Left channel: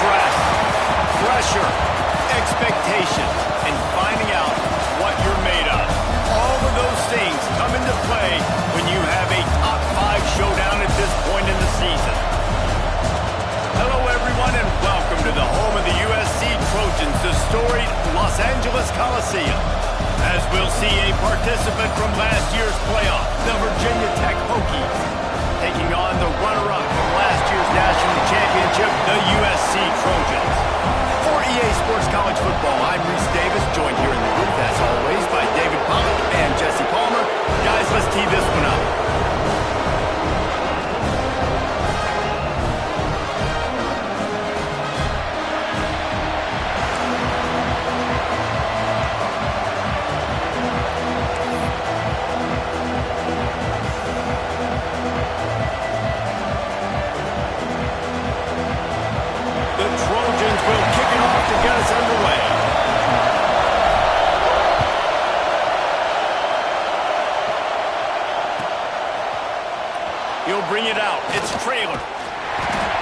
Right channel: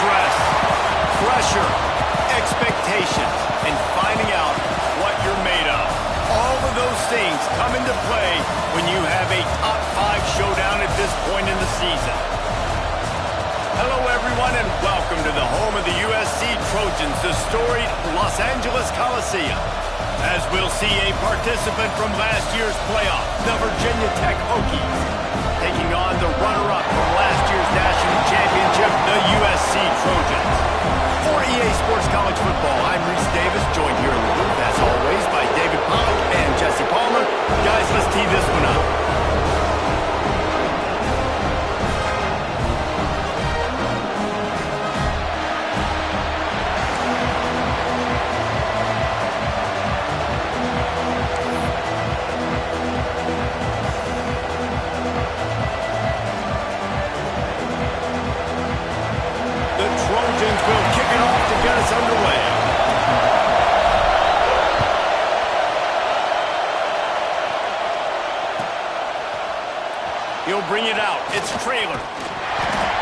Stress, pressure, expectations, and finding out what you're made of. All of those things come into play when you have a top 5 showdown at this point in the season. Hello, everyone, and welcome to the home of the USC Trojans, the storied Los Angeles Coliseum. As we'll see a participant from last year's playoff, the Virginia Tech Hokies, taking on the runner-up from last year's national championship, the USC Trojans. For EA Sports College Football, I'm Reese Davis, joined here in the booth, as always, by David Pollack and Jesse Palmer. Guys, let's tee this one up. The Trojans will kick it off to get us underway. He'll bring it out. It's Traylor.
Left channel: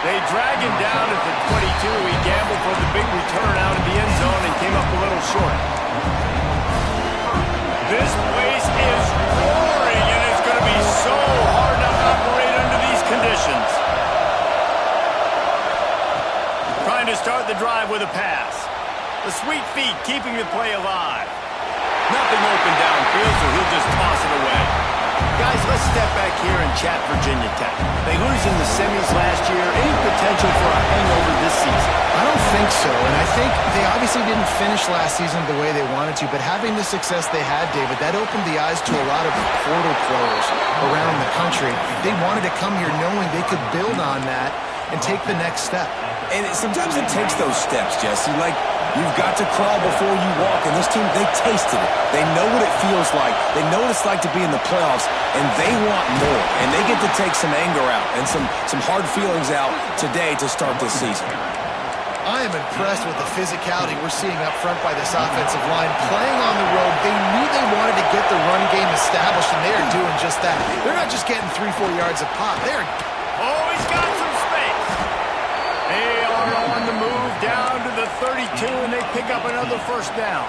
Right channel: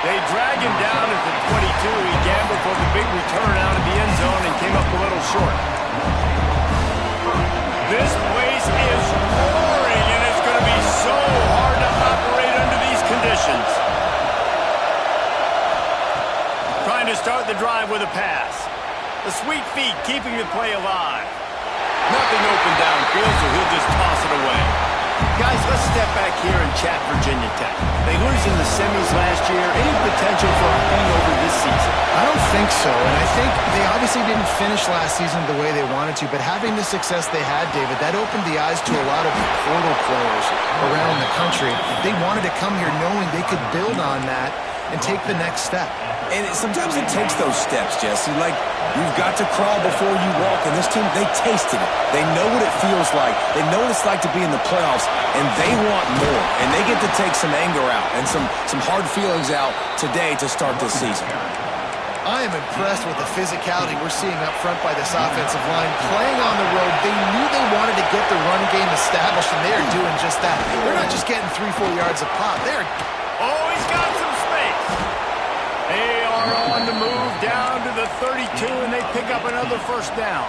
They drag him down at the 22. He gambled for the big return out of the end zone and came up a little short. This place is roaring, and it's going to be so hard to operate under these conditions. Trying to start the drive with a pass. The sweet feet keeping the play alive. Nothing open downfield, so he'll just toss it away. Guys, let's step back here and chat Virginia Tech. They lose in the semis last year. Any potential for a hangover this season? I don't think so, and I think they obviously didn't finish last season the way they wanted to, but having the success they had, David, that opened the eyes to a lot of portal players around the country. They wanted to come here knowing they could build on that and take the next step. And sometimes it takes those steps, Jesse. Like, you've got to crawl before you walk. And this team, they tasted it. They know what it feels like. They know what it's like to be in the playoffs, and they want more. And they get to take some anger out and some hard feelings out today to start this season. I am impressed with the physicality we're seeing up front by this offensive line. Playing on the road, they knew they wanted to get the run game established, and they are doing just that. They're not just getting 3-4 yards a pop. They're... Oh, he's got some space. They are on the move down to the 32, and they pick up another first down.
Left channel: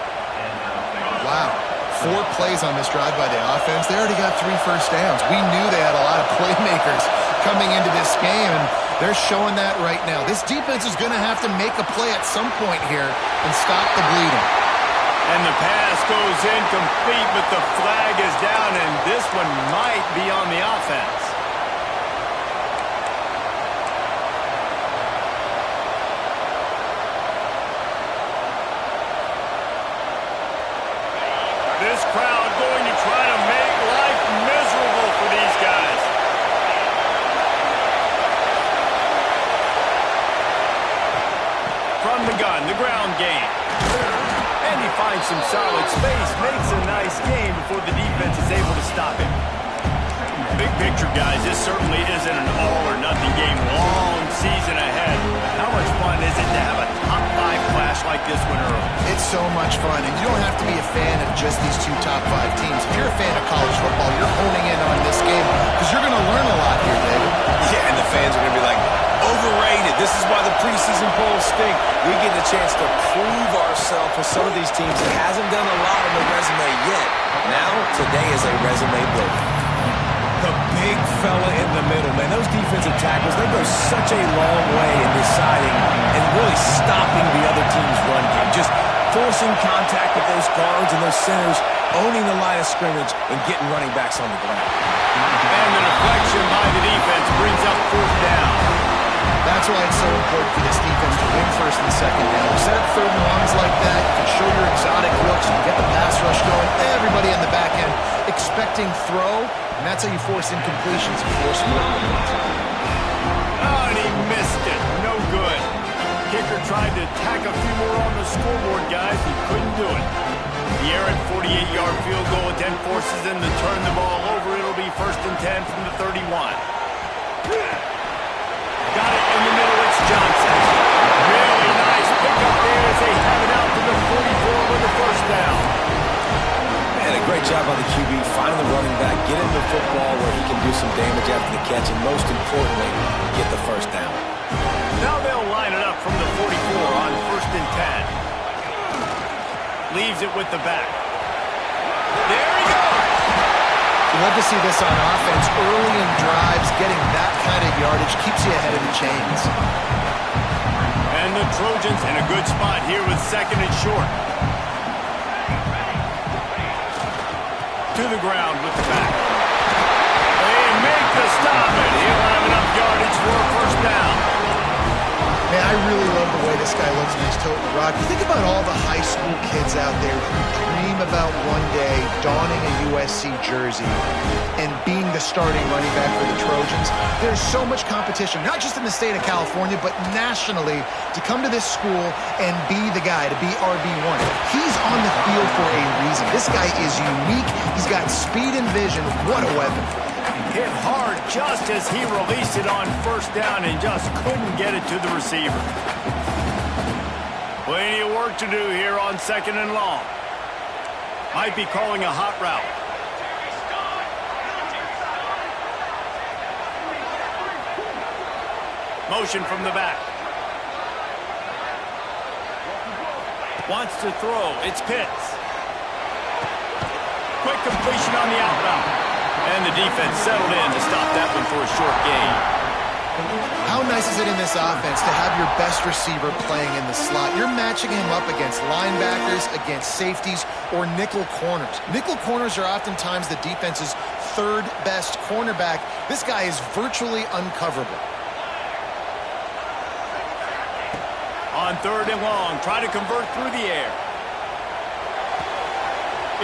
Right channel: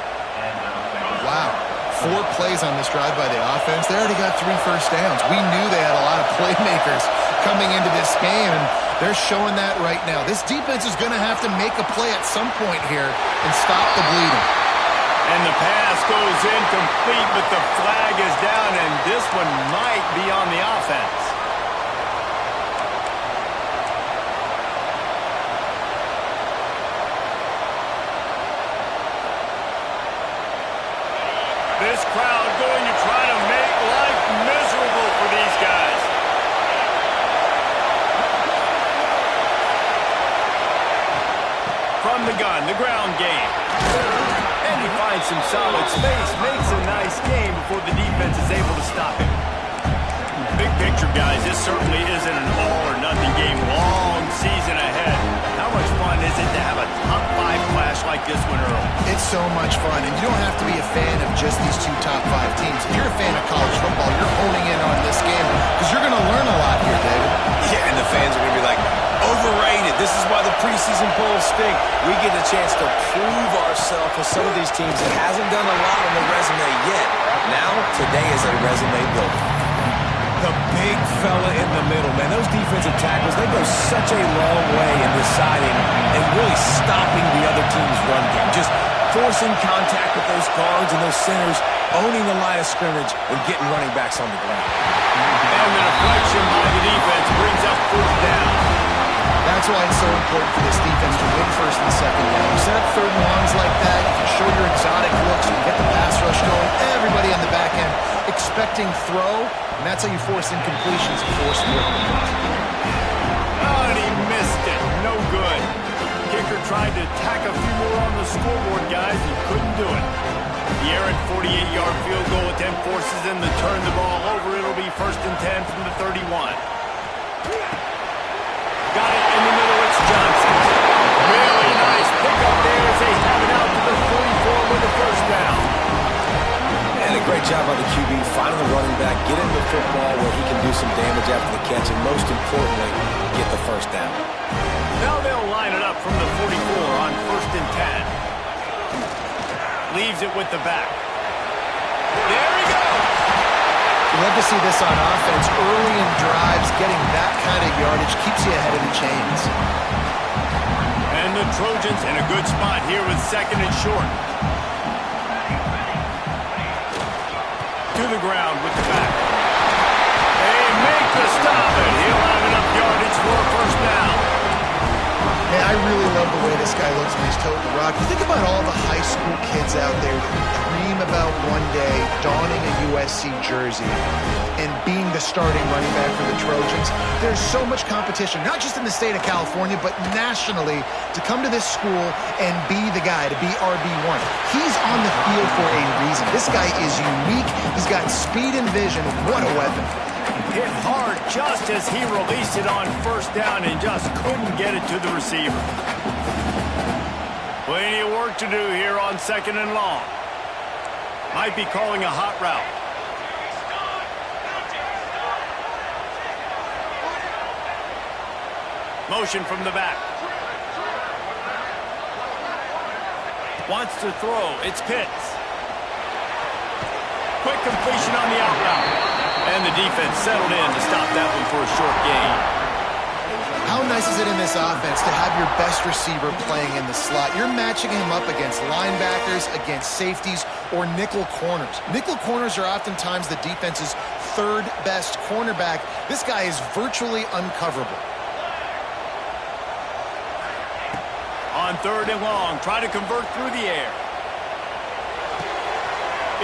Wow. 4 plays on this drive by the offense. They already got 3 first downs. We knew they had a lot of playmakers coming into this game, and they're showing that right now. This defense is going to have to make a play at some point here and stop the bleeding. And the pass goes incomplete, but the flag is down, and this one might be on the offense. This crowd going to try to make life miserable for these guys. From the gun, the ground game. And he finds some solid space, makes a nice game before the defense is able to stop him. Big picture, guys, this certainly isn't an all-or-nothing game. Long season ahead. But how much fun is it to have a top 5 clash like this one early? It's so much fun, and you don't have to be a fan of just these 2 top 5 teams. If you're a fan of college football, you're honing in on this game because you're going to learn a lot here, David. Yeah, and the fans are going to be like, overrated. This is why the preseason polls stink. We get a chance to prove ourselves with some of these teams that hasn't done a lot on the resume yet. Now, today is a resume builder. The big fella in the middle, man. Those defensive tackles, they go such a long way in deciding and really stopping the other team's run game. Just forcing contact with those guards and those centers, owning the line of scrimmage, and getting running backs on the ground. And the deflection by the defense brings up 4th down. That's why it's so important for this defense to win 1st and 2nd down. You set up 3rd and longs like that, you can show your exotic looks, you can get the pass rush going, everybody on the back end expecting throw, and that's how you force incompletions and force forward. Oh, and he missed it. No good. Kicker tried to tack a few more on the scoreboard, guys. He couldn't do it. The errant 48-yard field goal attempt forces them to turn the ball over. It'll be 1st and 10 from the 31. Got it in the middle. It's Johnson. Really nice pickup there as they have it out to the 44 with the 1st down. And a Great job by the QB, finding the running back, get him the football where he can do some damage after the catch, and most importantly, get the first down. Now they'll line it up from the 44 on 1st and 10. Leaves it with the back. There he goes! You love to see this on offense. Early in drives, getting that kind of yardage keeps you ahead of the chains. And the Trojans in a good spot here with 2nd and short. To the ground with the back. They make the stop, and he'll have enough yardage for a first down. Man, I really love the way this guy looks when he's toting the rock. You think about all the high school kids out there who dream about one day donning a USC jersey and being the starting running back for the Trojans. There's so much competition, not just in the state of California, but nationally, to come to this school and be the guy, to be RB1. He's on the field for a reason. This guy is unique. He's got speed and vision. What a weapon. Hit hard just as he released it on 1st down and just couldn't get it to the receiver. Plenty of work to do here on 2nd and long. Might be calling a hot route. Motion from the back. Wants to throw. It's Pitts. Quick completion on the out route. And the defense settled in to stop that one for a short gain. How nice is it in this offense to have your best receiver playing in the slot? You're matching him up against linebackers, against safeties, or nickel corners. Nickel corners are oftentimes the defense's 3rd best cornerback. This guy is virtually uncoverable. On 3rd and long, try to convert through the air.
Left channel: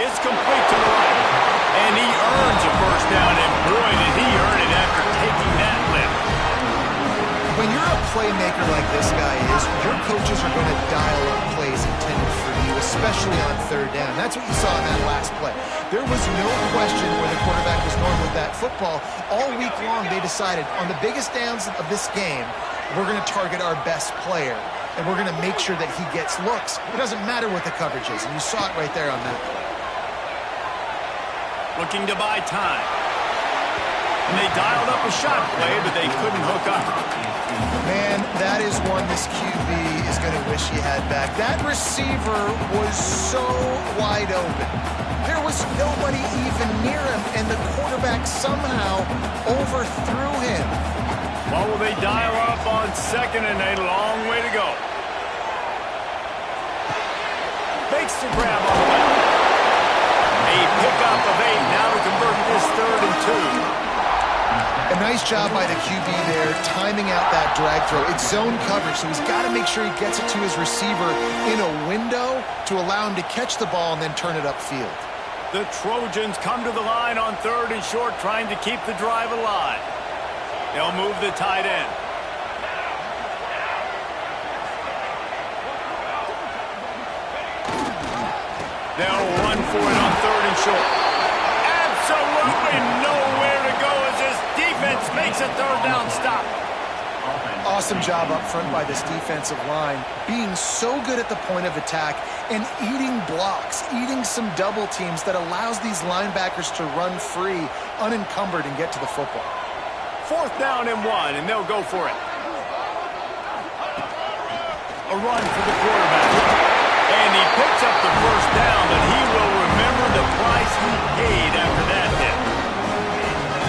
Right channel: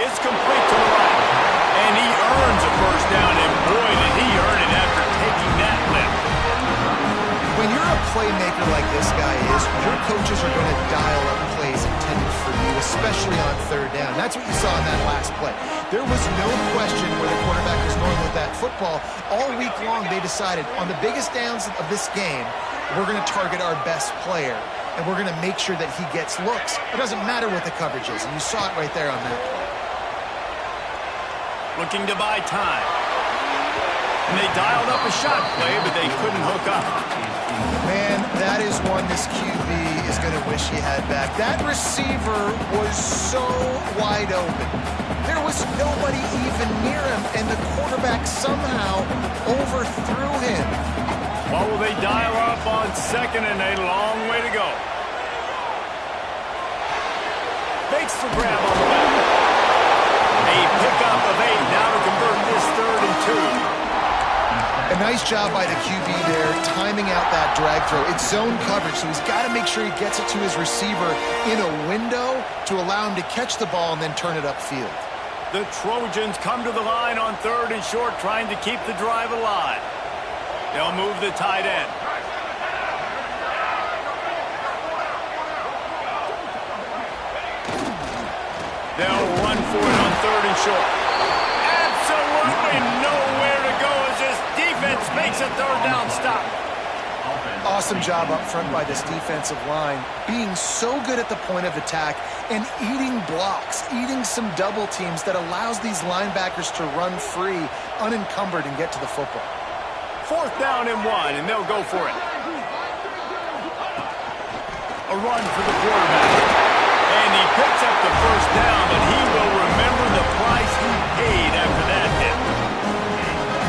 It's complete to the right. And he earns a first down, and boy, did he earn it after taking that lift. When you're a playmaker like this guy is, your coaches are going to dial up plays intended for you, especially on 3rd down. That's what you saw in that last play. There was no question where the quarterback was going with that football. All week long, they decided, on the biggest downs of this game, we're going to target our best player, and we're going to make sure that he gets looks. It doesn't matter what the coverage is, and you saw it right there on that play. Looking to buy time. And they dialed up a shot play, but they couldn't hook up. Man, that is one this QB is going to wish he had back. That receiver was so wide open. There was nobody even near him, and the quarterback somehow overthrew him. What will they dial up on 2nd and a long way to go? Fakes the grab on the left. A pickup of 8 now to convert this 3rd and 2. A nice job by the QB there, timing out that drag throw. It's zone coverage, so he's got to make sure he gets it to his receiver in a window to allow him to catch the ball and then turn it upfield. The Trojans come to the line on 3rd and short, trying to keep the drive alive. They'll move the tight end. They'll run for it on 3rd and short. Absolutely nowhere to go as this defense makes a 3rd down stop. Awesome job up front by this defensive line, being so good at the point of attack and eating blocks, eating some double teams that allows these linebackers to run free, unencumbered, and get to the football. 4th down and 1, and they'll go for it. A run for the quarterback. And he picks up the first down, but he will remember the price he paid after that hit.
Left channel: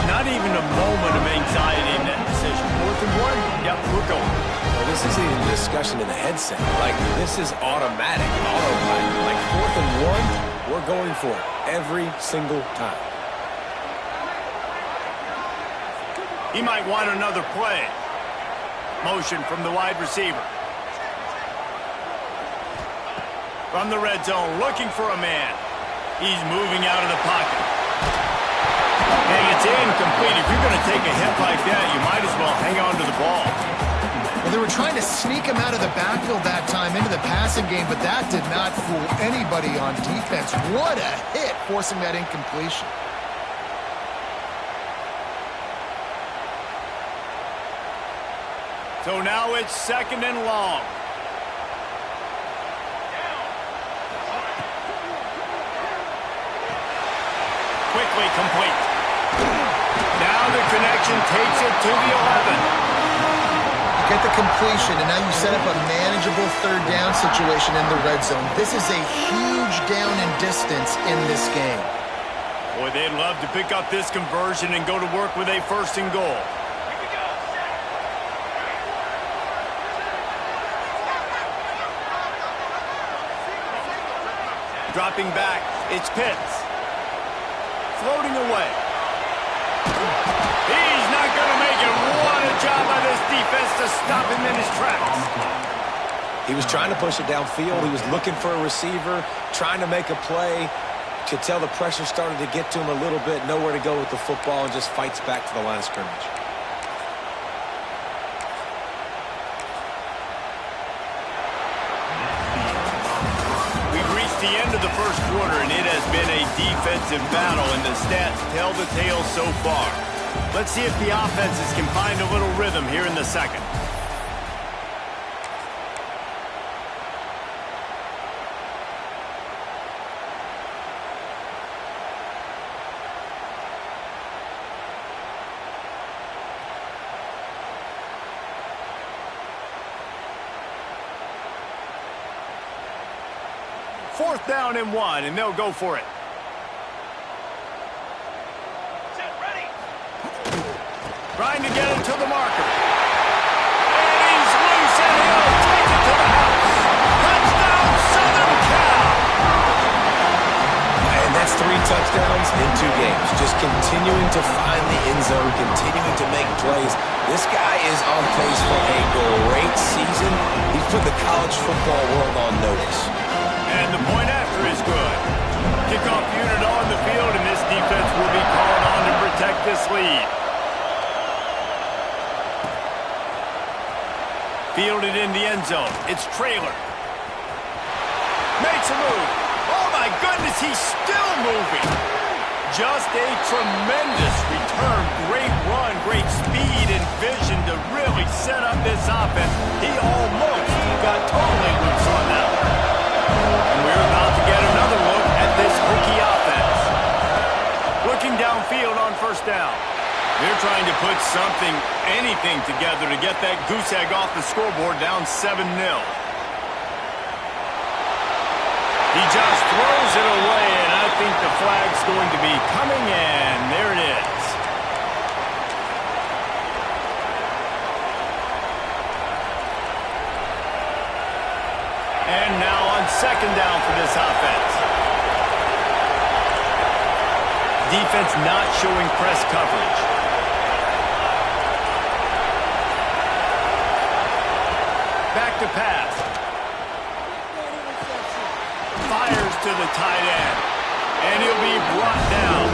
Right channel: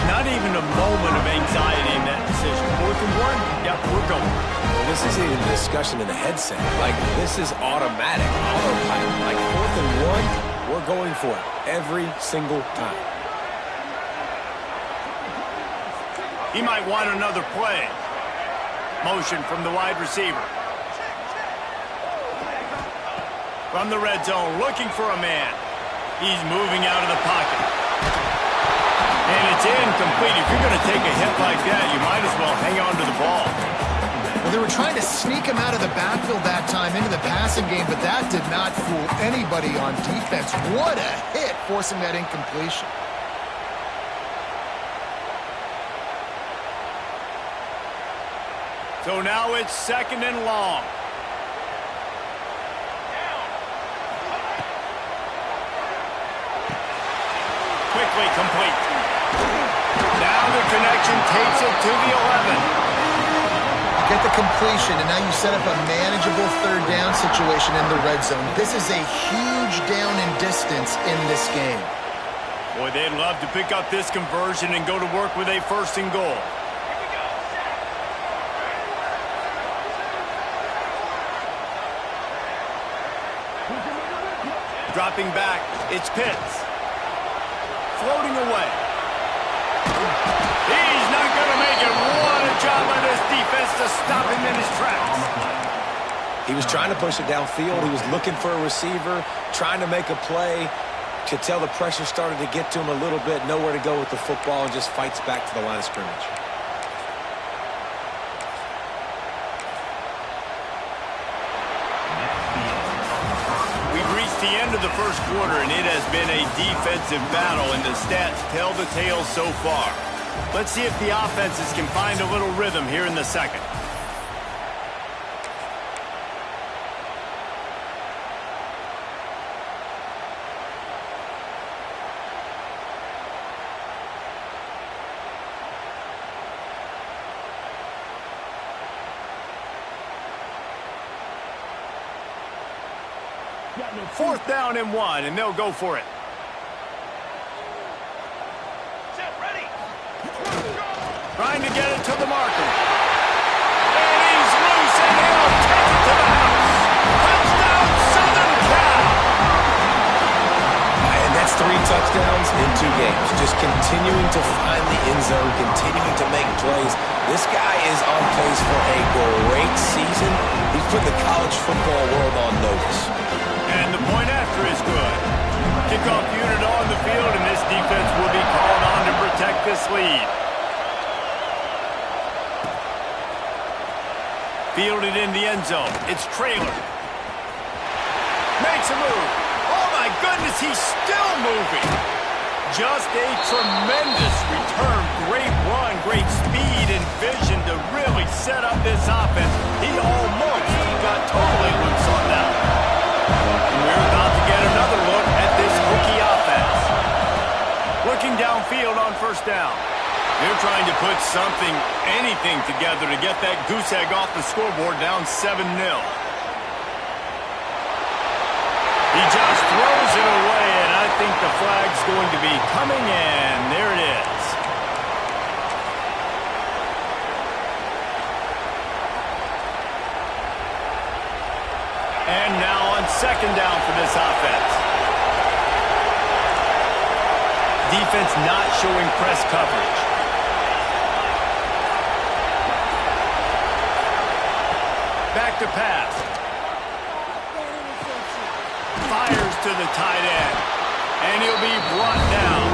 Not even a moment of anxiety in that decision. 4th and 1, yep, we're going. Well, this isn't even a discussion in the headset. Like, this is automatic, autopilot. Like, 4th and 1, we're going for it every single time. He might want another play. Motion from the wide receiver. From the red zone, looking for a man. He's moving out of the pocket. And it's incomplete. If you're going to take a hit like that, you might as well hang on to the ball. Well, they were trying to sneak him out of the backfield that time into the passing game, but that did not fool anybody on defense. What a hit, forcing that incompletion. So now it's 2nd and long. Roughly complete. Now the connection takes it to the 11. Get the completion, and now you set up a manageable third down situation in the red zone. This is a huge down in distance in this game. Boy, they'd love to pick up this conversion and go to work with a 1st and goal. Dropping back, it's Pitts. Floating away. He's not going to make it. What a job by this defense to stop him in his tracks. He was trying to push it downfield. He was looking for a receiver, trying to make a play. Could tell the pressure started to get to him a little bit. Nowhere to go with the football, and just fights back to the line of scrimmage. We've reached the end of the first quarter, and it has been a defensive battle, and the stats tell the tale so far. Let's see if the offenses can find a little rhythm here in the second. Fourth down and 1, and they'll go for it. Set, ready. Trying to get it to the marker. And he's loose, and he'll take it to the house. Touchdown, Southern Cal! And that's 3 touchdowns in 2 games. Just continuing to find the end zone, continuing to make plays. This guy is on pace for a great season. He's put the college football world on notice. And the point after is good. Kickoff unit on the field, and this defense will be called on to protect this lead. Fielded in the end zone. It's Traylor. Makes a move. Oh, my goodness, he's still moving. Just a tremendous return. Great run, great speed and vision to really set up this offense. He almost got totally loose on that one. And we're about to get another look at this Hokie offense. Looking downfield on 1st down. They're trying to put something, anything together to get that goose egg off the scoreboard down 7-0. He just throws it away, and I think the flag's going to be coming in. There it is. And now on 2nd down for this offense. Defense not showing press coverage. Back to pass. Fires to the tight end. And he'll be brought down.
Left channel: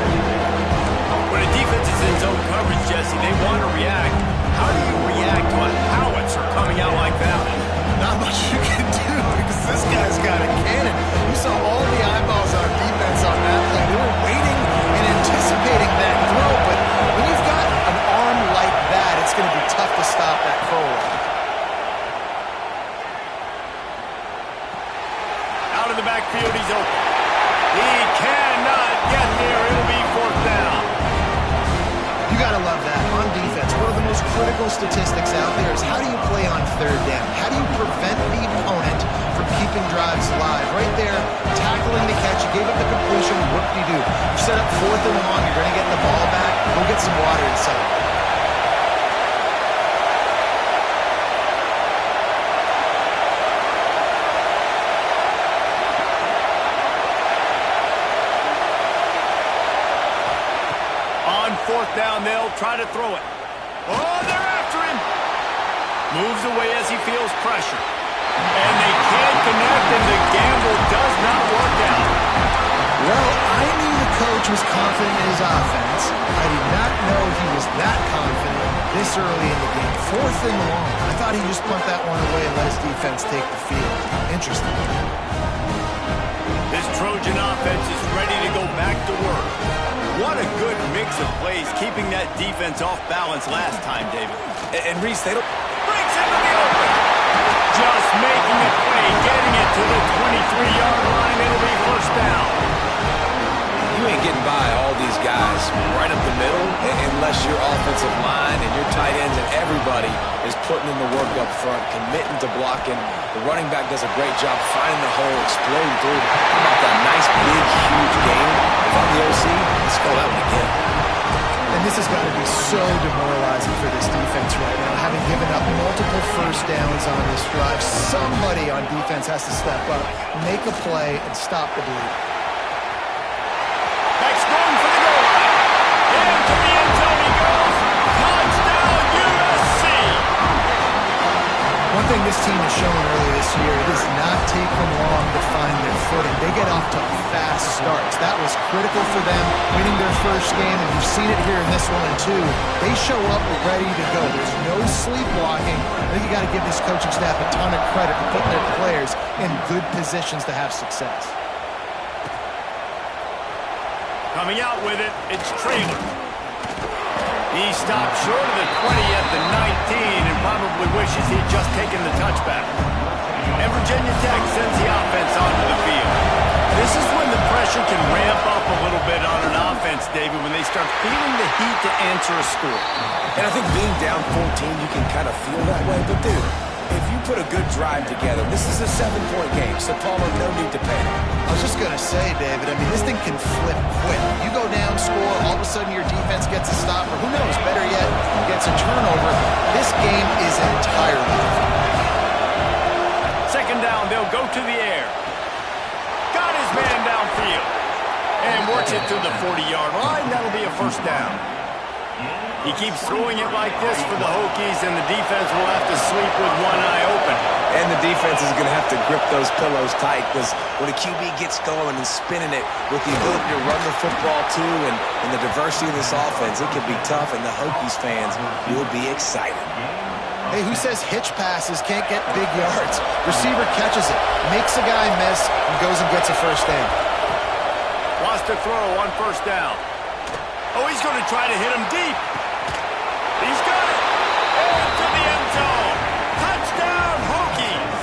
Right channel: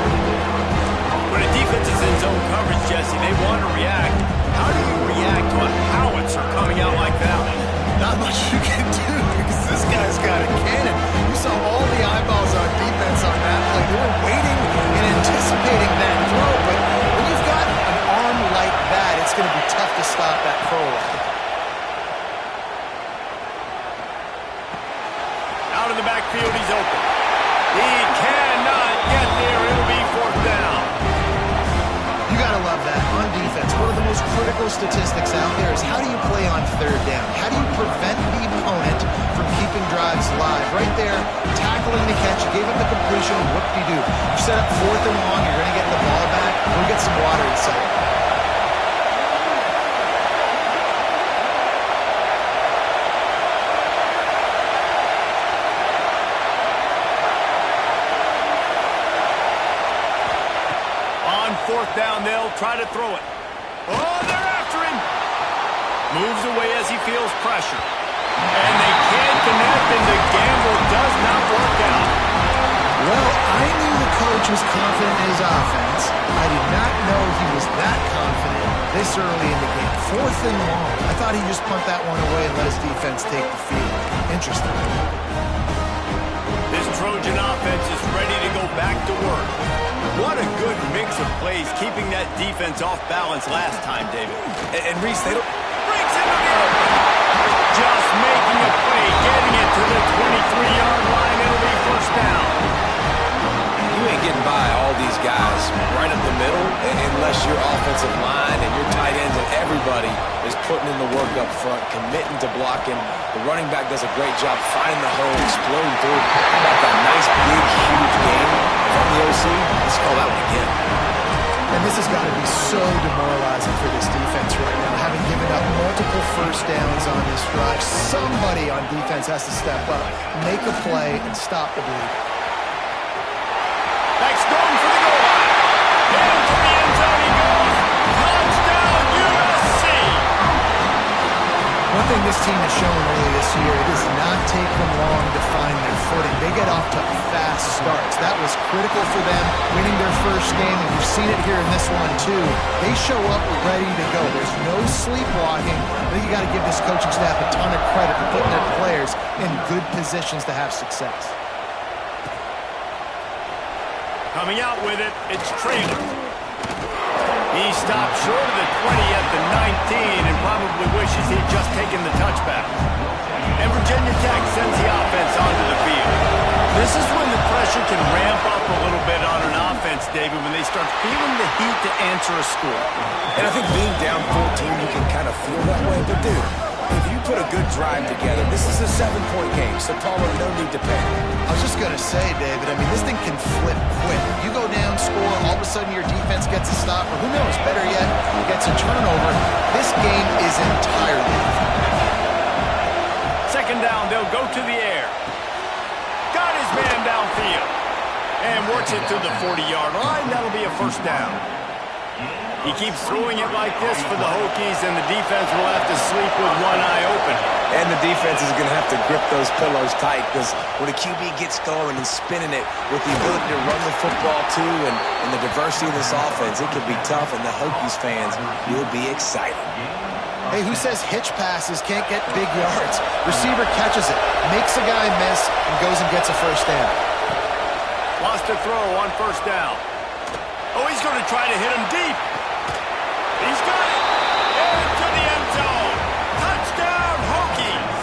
When a defense is in zone coverage, Jesse, they want to react. How do you react to a howitzer coming out like that? Not much you can do because this guy's got a cannon. You saw all the eyeballs on defense on that play. They were waiting and anticipating that throw, but when you've got an arm like that, it's going to be tough to stop that throw line. Out of the backfield, he's open. He cannot get there. It'll be 4th down. You got to love that. On defense, one of the most critical statistics out there is how do you play on 3rd down? How do you prevent the opponent from keeping drives alive? Right there, tackling the catch. You gave up the completion. Whoop-de-doo. You set up 4th and long. You're going to get the ball back. Go get some water and celebrate. On 4th down, they'll try to throw it. Oh, they're after him. Moves away as he feels pressure. And they can't connect, and the gamble does not work out. Well, I knew the coach was confident in his offense. I did not know he was that confident this early in the game. 4th and long. I thought he'd just punt that one away and let his defense take the field. Interesting. This Trojan offense is ready to go back to work. What a good mix of plays, keeping that defense off balance last time, David. And Reese, they don't... Breaks into the open. Just making a play, getting it to the 23-yard line. It'll be 1st down. You ain't getting by all these guys right up the middle unless your offensive line and your tight ends and everybody is putting in the work up front, committing to blocking. The running back does a great job finding the hole, exploding through. How about that nice, big, huge game? If I'm the OC, let's call that one again. And this has got to be so demoralizing for this defense right now, having given up multiple first downs on this drive. Somebody on defense has to step up, make a play, and stop the bleed. Back's going for the goal line. Into the end zone he goes. Touchdown, USC. One thing this team has shown early this year, it does not take them long to find their footing. They get off to fast starts. That was critical for them, winning their first game, and you've seen it here in this one too. They show up ready to go. There's no sleepwalking. I think you got to give this coaching staff a ton of credit for putting their players in good positions to have success. Coming out with it, it's Traylor. He stopped short of the 20 at the 19 and probably wishes he'd just taken the touchback. And Virginia Tech sends the offense onto the field. This is when the pressure can ramp up a little bit on an offense, David, when they start feeling the heat to answer a score. And I think being down 14, you can kind of feel that way. But, dude, if you put a good drive together, this is a 7-point game, so Palmer, no need to panic. I was just going to say, David, I mean, this thing can flip quick. You go down, score, all of a sudden your defense gets a stop, or who knows, better yet, gets a turnover. This game is entirely different. Second down, they'll go to the air. Got his man downfield. And works it to the 40-yard line. That'll be a first down. He keeps throwing it like this for the Hokies, and the defense will have to sleep with one eye open. And the defense is going to have to grip those pillows tight because when a QB gets going and spinning it with the ability to run the football too and the diversity of this offense, it can be tough, and the Hokies fans will be excited. Hey, who says hitch passes can't get big yards? Receiver catches it, makes a guy miss, and goes and gets a first down. Lost a throw on first down. Oh, he's going to try to hit him deep. He's got it. Into the end zone. Touchdown, Hokies.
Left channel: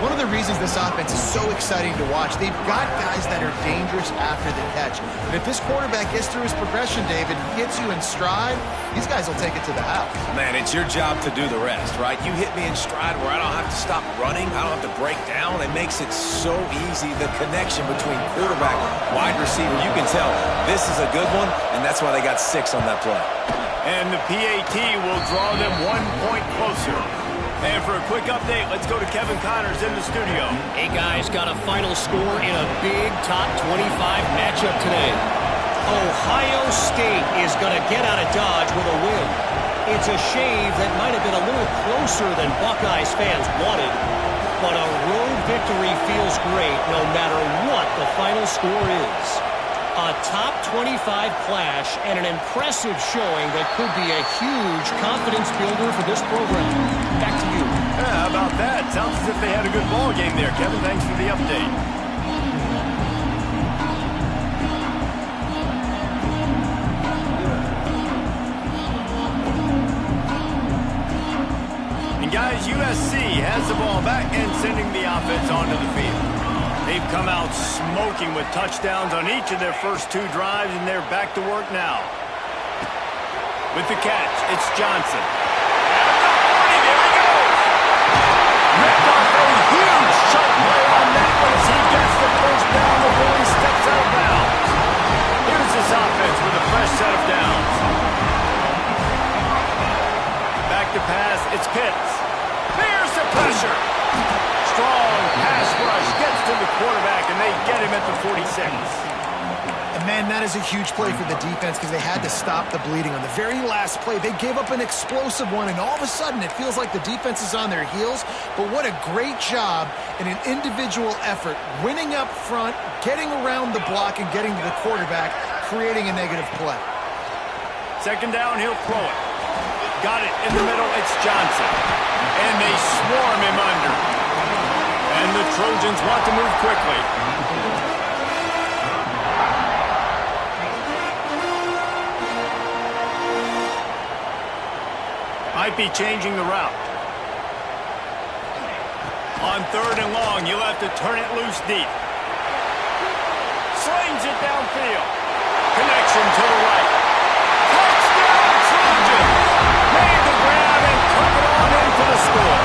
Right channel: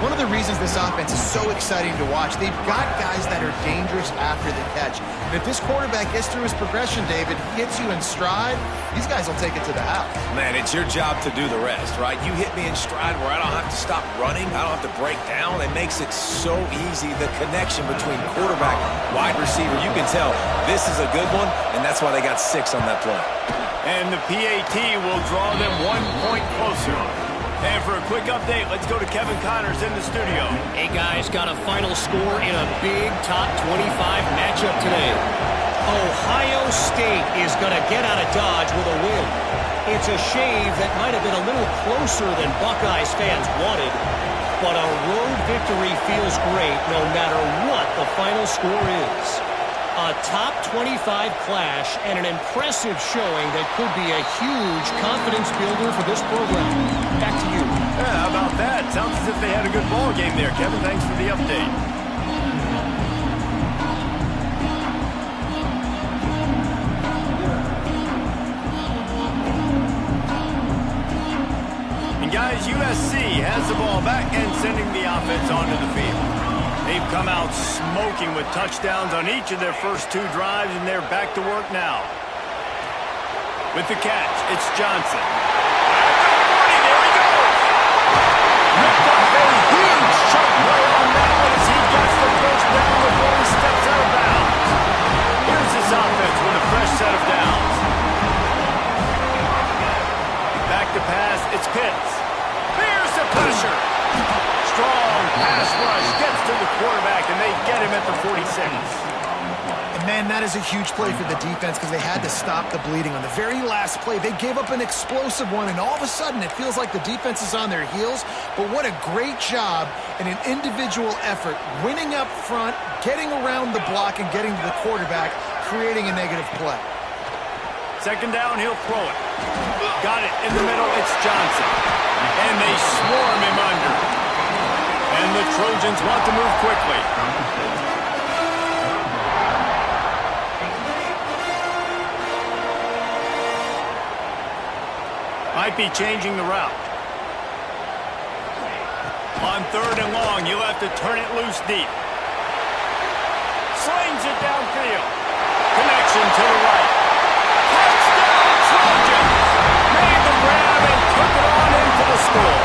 One of the reasons this offense is so exciting to watch, they've got guys that are dangerous after the catch. And if this quarterback gets through his progression, David, hits you in stride, these guys will take it to the house. Man, it's your job to do the rest, right? You hit me in stride where I don't have to stop running. I don't have to break down. It makes it so easy, the connection between quarterback, wide receiver. You can tell this is a good one, and that's why they got 6 on that play. And the PAT will draw them 1 point closer. And for a quick update, let's go to Kevin Connors in the studio. Hey, guys, got a final score in a big top 25 matchup today. Ohio State is going to get out of Dodge with a win. It's a shave that might have been a little closer than Buckeyes fans wanted, but a road victory feels great no matter what the final score is. A top 25 clash and an impressive showing that could be a huge confidence builder for this program. Back to you. Yeah, how about that? Sounds as if they had a good ball game there, Kevin. Thanks for the update. And guys, USC has the ball back and sending the offense onto the field. They've come out smoking with touchdowns on each of their first 2 drives, and they're back to work now. With the catch, it's Johnson. At the 40, there he goes. Ripped off a huge chunk play on that one as he gets the first down before he steps out of bounds. Here's this offense with a fresh set of downs. Back to pass, it's Pitts. There's the pressure. Strong pass rush gets to the quarterback, and they get him at the 46. And, man, that is a huge play for the defense because they had to stop the bleeding. On the very last play, they gave up an explosive one, and all of a sudden it feels like the defense is on their heels. But what a great job in an individual effort, winning up front, getting around the block, and getting to the quarterback, creating a negative play. Second down, he'll throw it. Got it in the middle, it's Johnson. And they swarm him under. And the Trojans want to move quickly. Might be changing the route. On 3rd and long, you'll have to turn it loose deep. Slings it downfield. Connection to the right. Touchdown Trojans! Made the grab and took it on in for the score.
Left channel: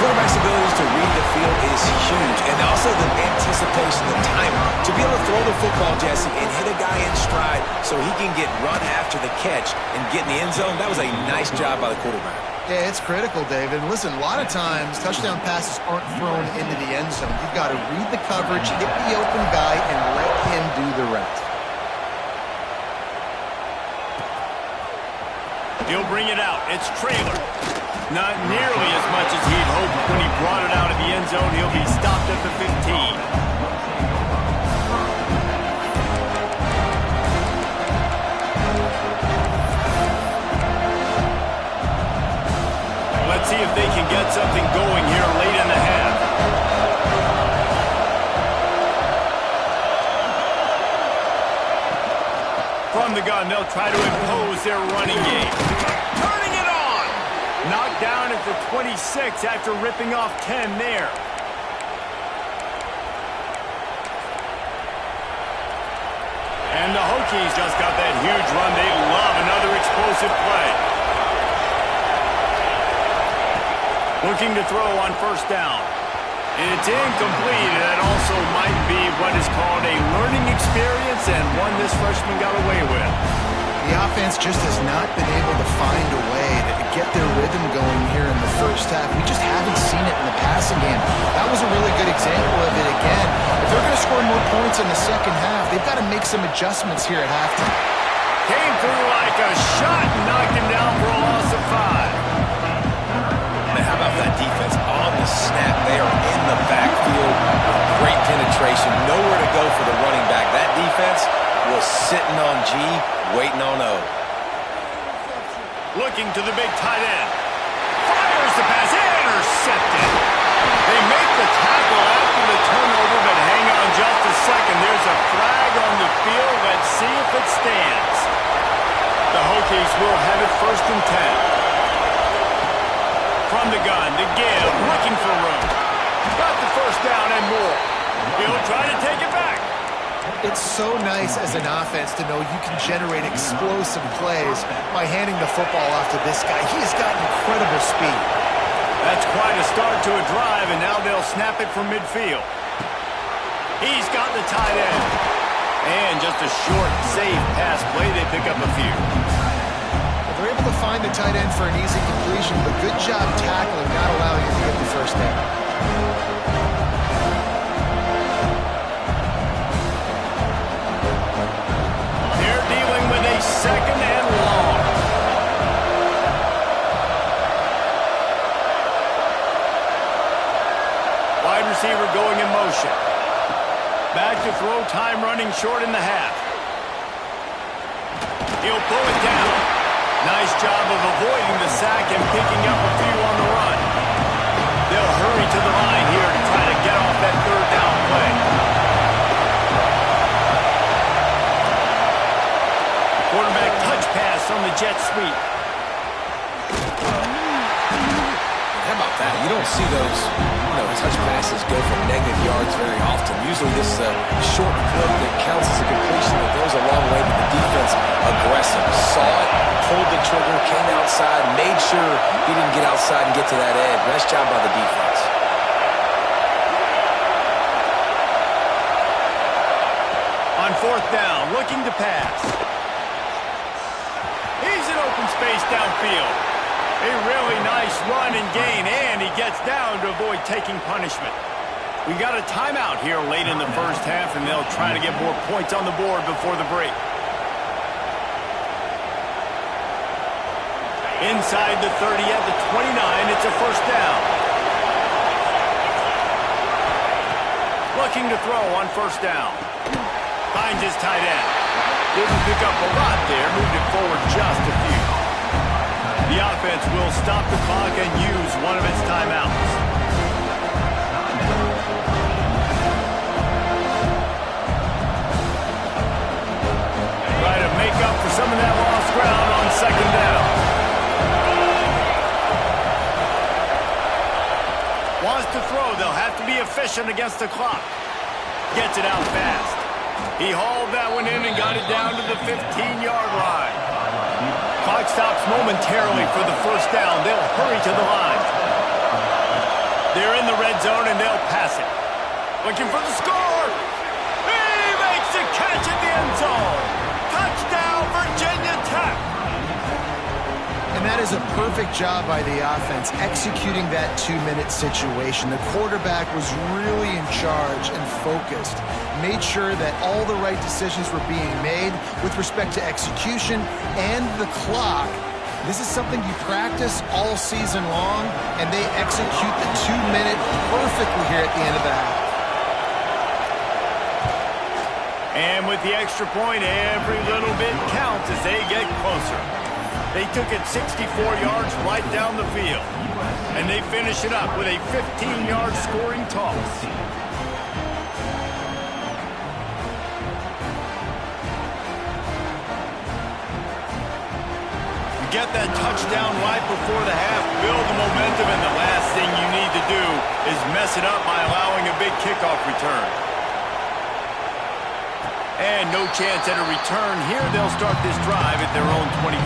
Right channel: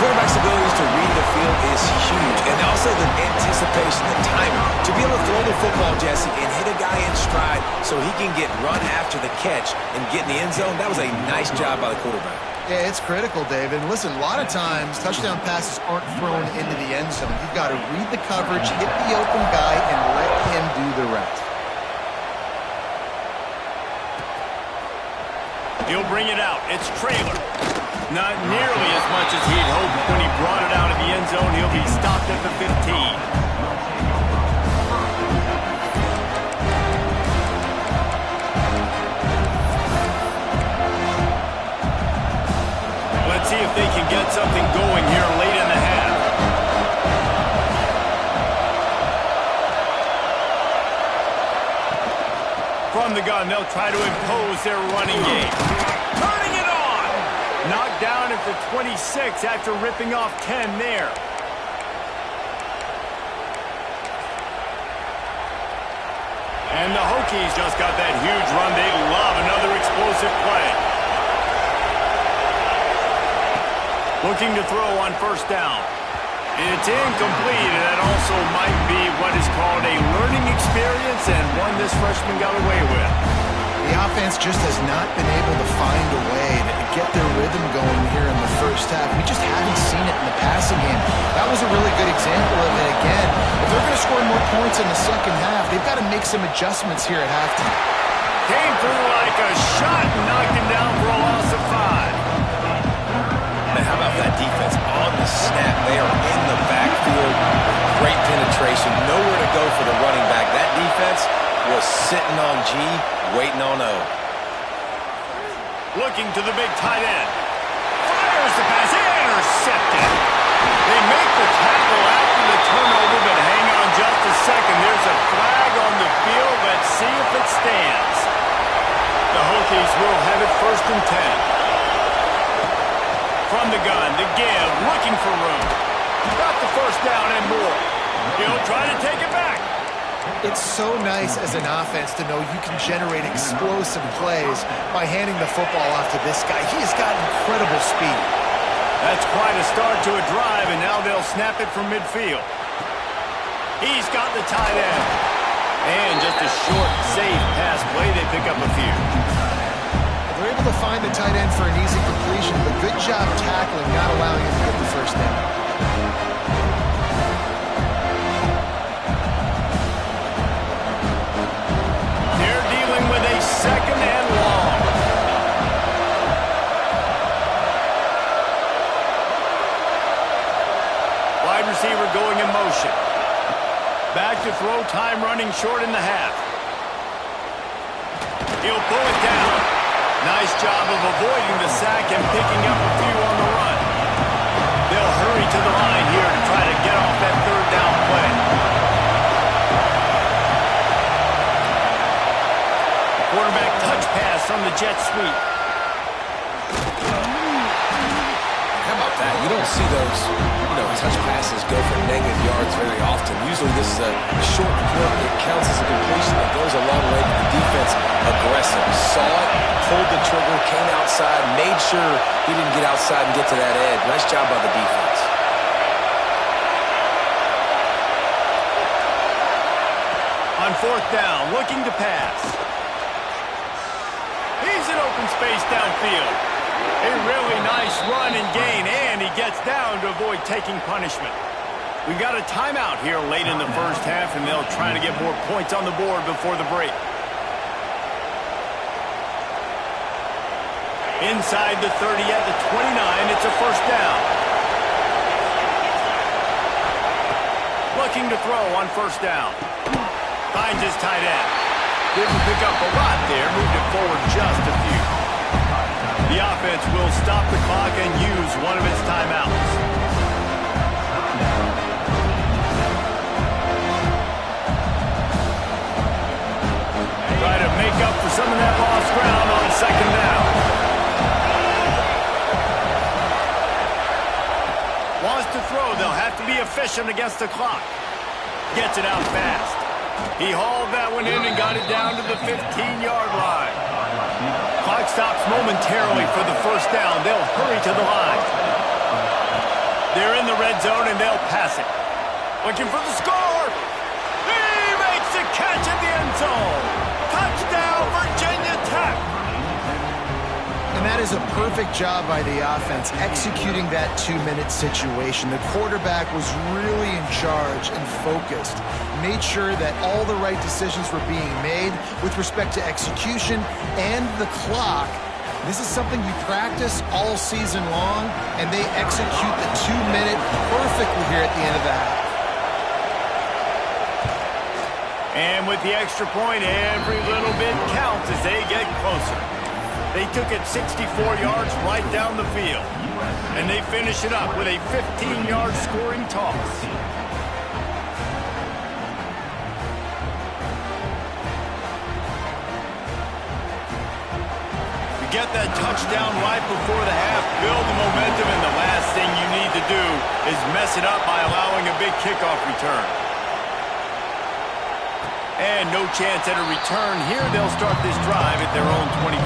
Quarterback's abilities to read the field is huge, and also the anticipation, the timing. To be able to throw the football, Jesse, and hit a guy in stride so he can get run after the catch and get in the end zone, that was a nice job by the quarterback. Yeah, it's critical, David. And listen, a lot of times touchdown passes aren't thrown into the end zone. You've got to read the coverage, hit the open guy, and let him do the rest. He'll bring it out. It's Traylor. Not nearly as much as he'd hoped when he brought it out of the end zone. He'll be stopped at the 15. Let's see if they can get something going here late in the half. From the gun, they'll try to impose their running game. Turning it on! Knocked down at the 26 after ripping off 10 there. And the Hokies just got that huge run. They love another explosive play. Looking to throw on first down. It's incomplete, and that also might be what is called a learning experience and one this freshman got away with. The offense just has not been able to find a way to get their rhythm going here in the first half. We just haven't seen it in the passing game. That was a really good example of it again. If they're going to score more points in the second half, they've got to make some adjustments here at halftime. Came through like a shot and knocked him down for a loss of 5. How about that defense on the snap? They are in the backfield with great penetration. Nowhere to go for the running back. That defense was sitting on G, waiting on O. Looking to the big tight end. Fires the pass. Intercepted. They make the tackle after the turnover, but hang on just a second. There's a flag on the field. Let's see if it stands. The Hokies will have it 1st and 10. From the gun to give, looking for room. Got the first down and more. He'll try to take it back. It's so nice as an offense to know you can generate explosive plays by handing the football off to this guy. He has got incredible speed. That's quite a start to a drive, and now they'll snap it from midfield. He's got the tight end. And just a short, safe pass play. They pick up a few. They're able to find the tight end for an easy completion, but good job tackling, not allowing him to get the first down. They're dealing with a 2nd and long. Wide receiver going in motion. Back to throw, time running short in the half. He'll pull it down. Nice job of avoiding the sack and picking up a few on the run. They'll hurry to the line here to try to get off that 3rd down play. Quarterback touch pass on the jet sweep. How about that? You don't see those, touch passes go for negative yards very often. Usually this is a short clip that counts as a completion that goes a long way, but the defense aggressive. Saw it, pulled the trigger, came outside, made sure he didn't get outside and get to that edge. Nice job by the defense. On 4th down, looking to pass. He's in open space downfield. A really nice run and gain, and he gets down to avoid taking punishment. We got a timeout here late in the first half, and they'll try to get more points on the board before the break. Inside the 30 at the 29, it's a 1st down. Looking to throw on 1st down. Finds his tight end. Didn't pick up a lot there, moved it forward just a few. The offense will stop the clock and use one of its timeouts. Try to make up for some of that lost ground on 2nd down. Wants to throw. They'll have to be efficient against the clock. Gets it out fast. He hauled that one in and got it down to the 15-yard line. Clock stops momentarily for the first down. They'll hurry to the line. They're in the red zone, and they'll pass it. Looking for the score. He makes the catch in the end zone. Touchdown, Virginia Tech. And that is a perfect job by the offense, executing that 2-minute situation. The quarterback was really in charge and focused. Made sure that all the right decisions were being made with respect to execution and the clock. This is something you practice all season long, and they execute the 2-minute perfectly here at the end of the half. And with the extra point, every little bit counts as they get closer. They took it 64 yards right down the field. And they finish it up with a 15-yard scoring toss. You get that touchdown right before the half, build the momentum, and the last thing you need to do is mess it up by allowing a big kickoff return. And no chance at a return here. They'll start this drive at their own 25.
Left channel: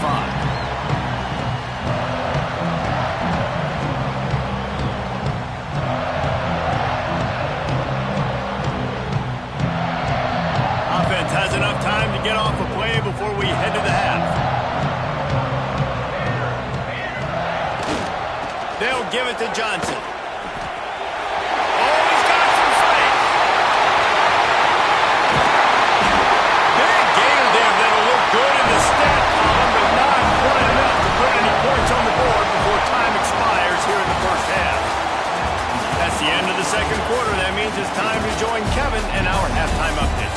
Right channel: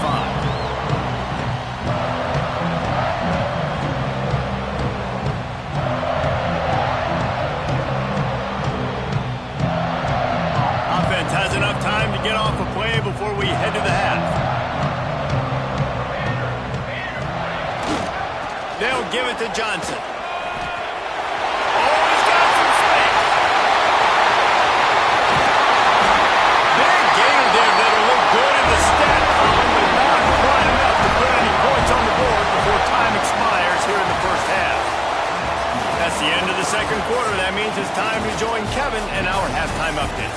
Offense has enough time to get off a play before we head to the half. They'll give it to Johnson. Oh, he's got some space. Big gainer there that'll look good in the stat column, but not quite enough to put any points on the board before time expires here in the first half. That's the end of the second quarter. That means it's time to join Kevin and our halftime update.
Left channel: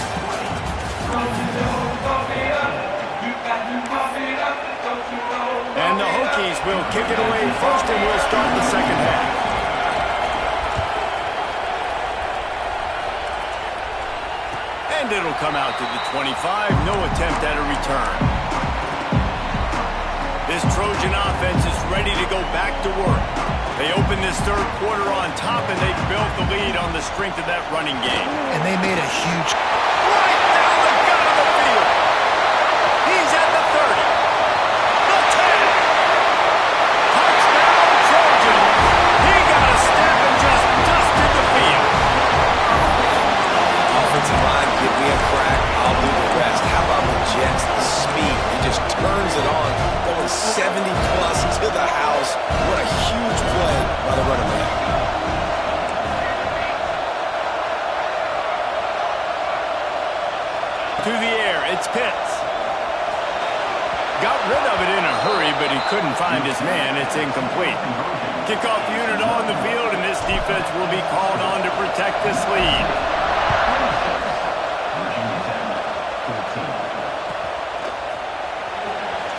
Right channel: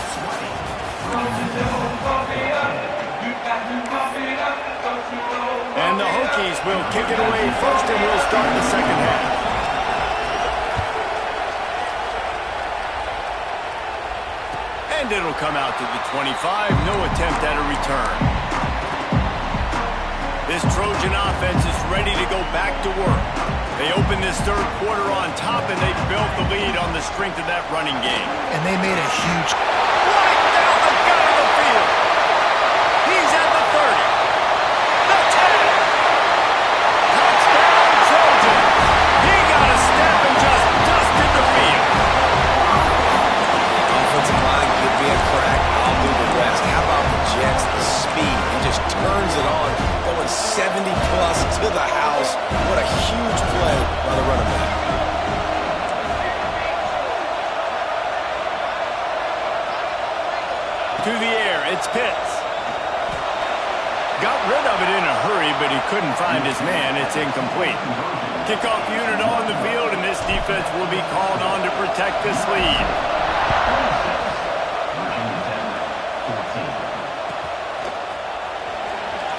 And the Hokies will kick it away first, and we'll start the second half. And it'll come out to the 25. No attempt at a return. This Trojan offense is ready to go back to work. They opened this third quarter on top, and they built the lead on the strength of that running game. And they made a huge... Right down the gut of the field. He's at the 30. The 10. Touchdown, Trojan. He got a step and just dusted the field. Offensive line, give me a crack, I'll do the rest. How about the Jets, the speed? He just turns it on, going 70-plus to the house. What a huge play by the running back. To the air, it's Pitts. Got rid of it in a hurry, but he couldn't find his man. It's incomplete. Kickoff unit on the field, and this defense will be called on to protect this lead.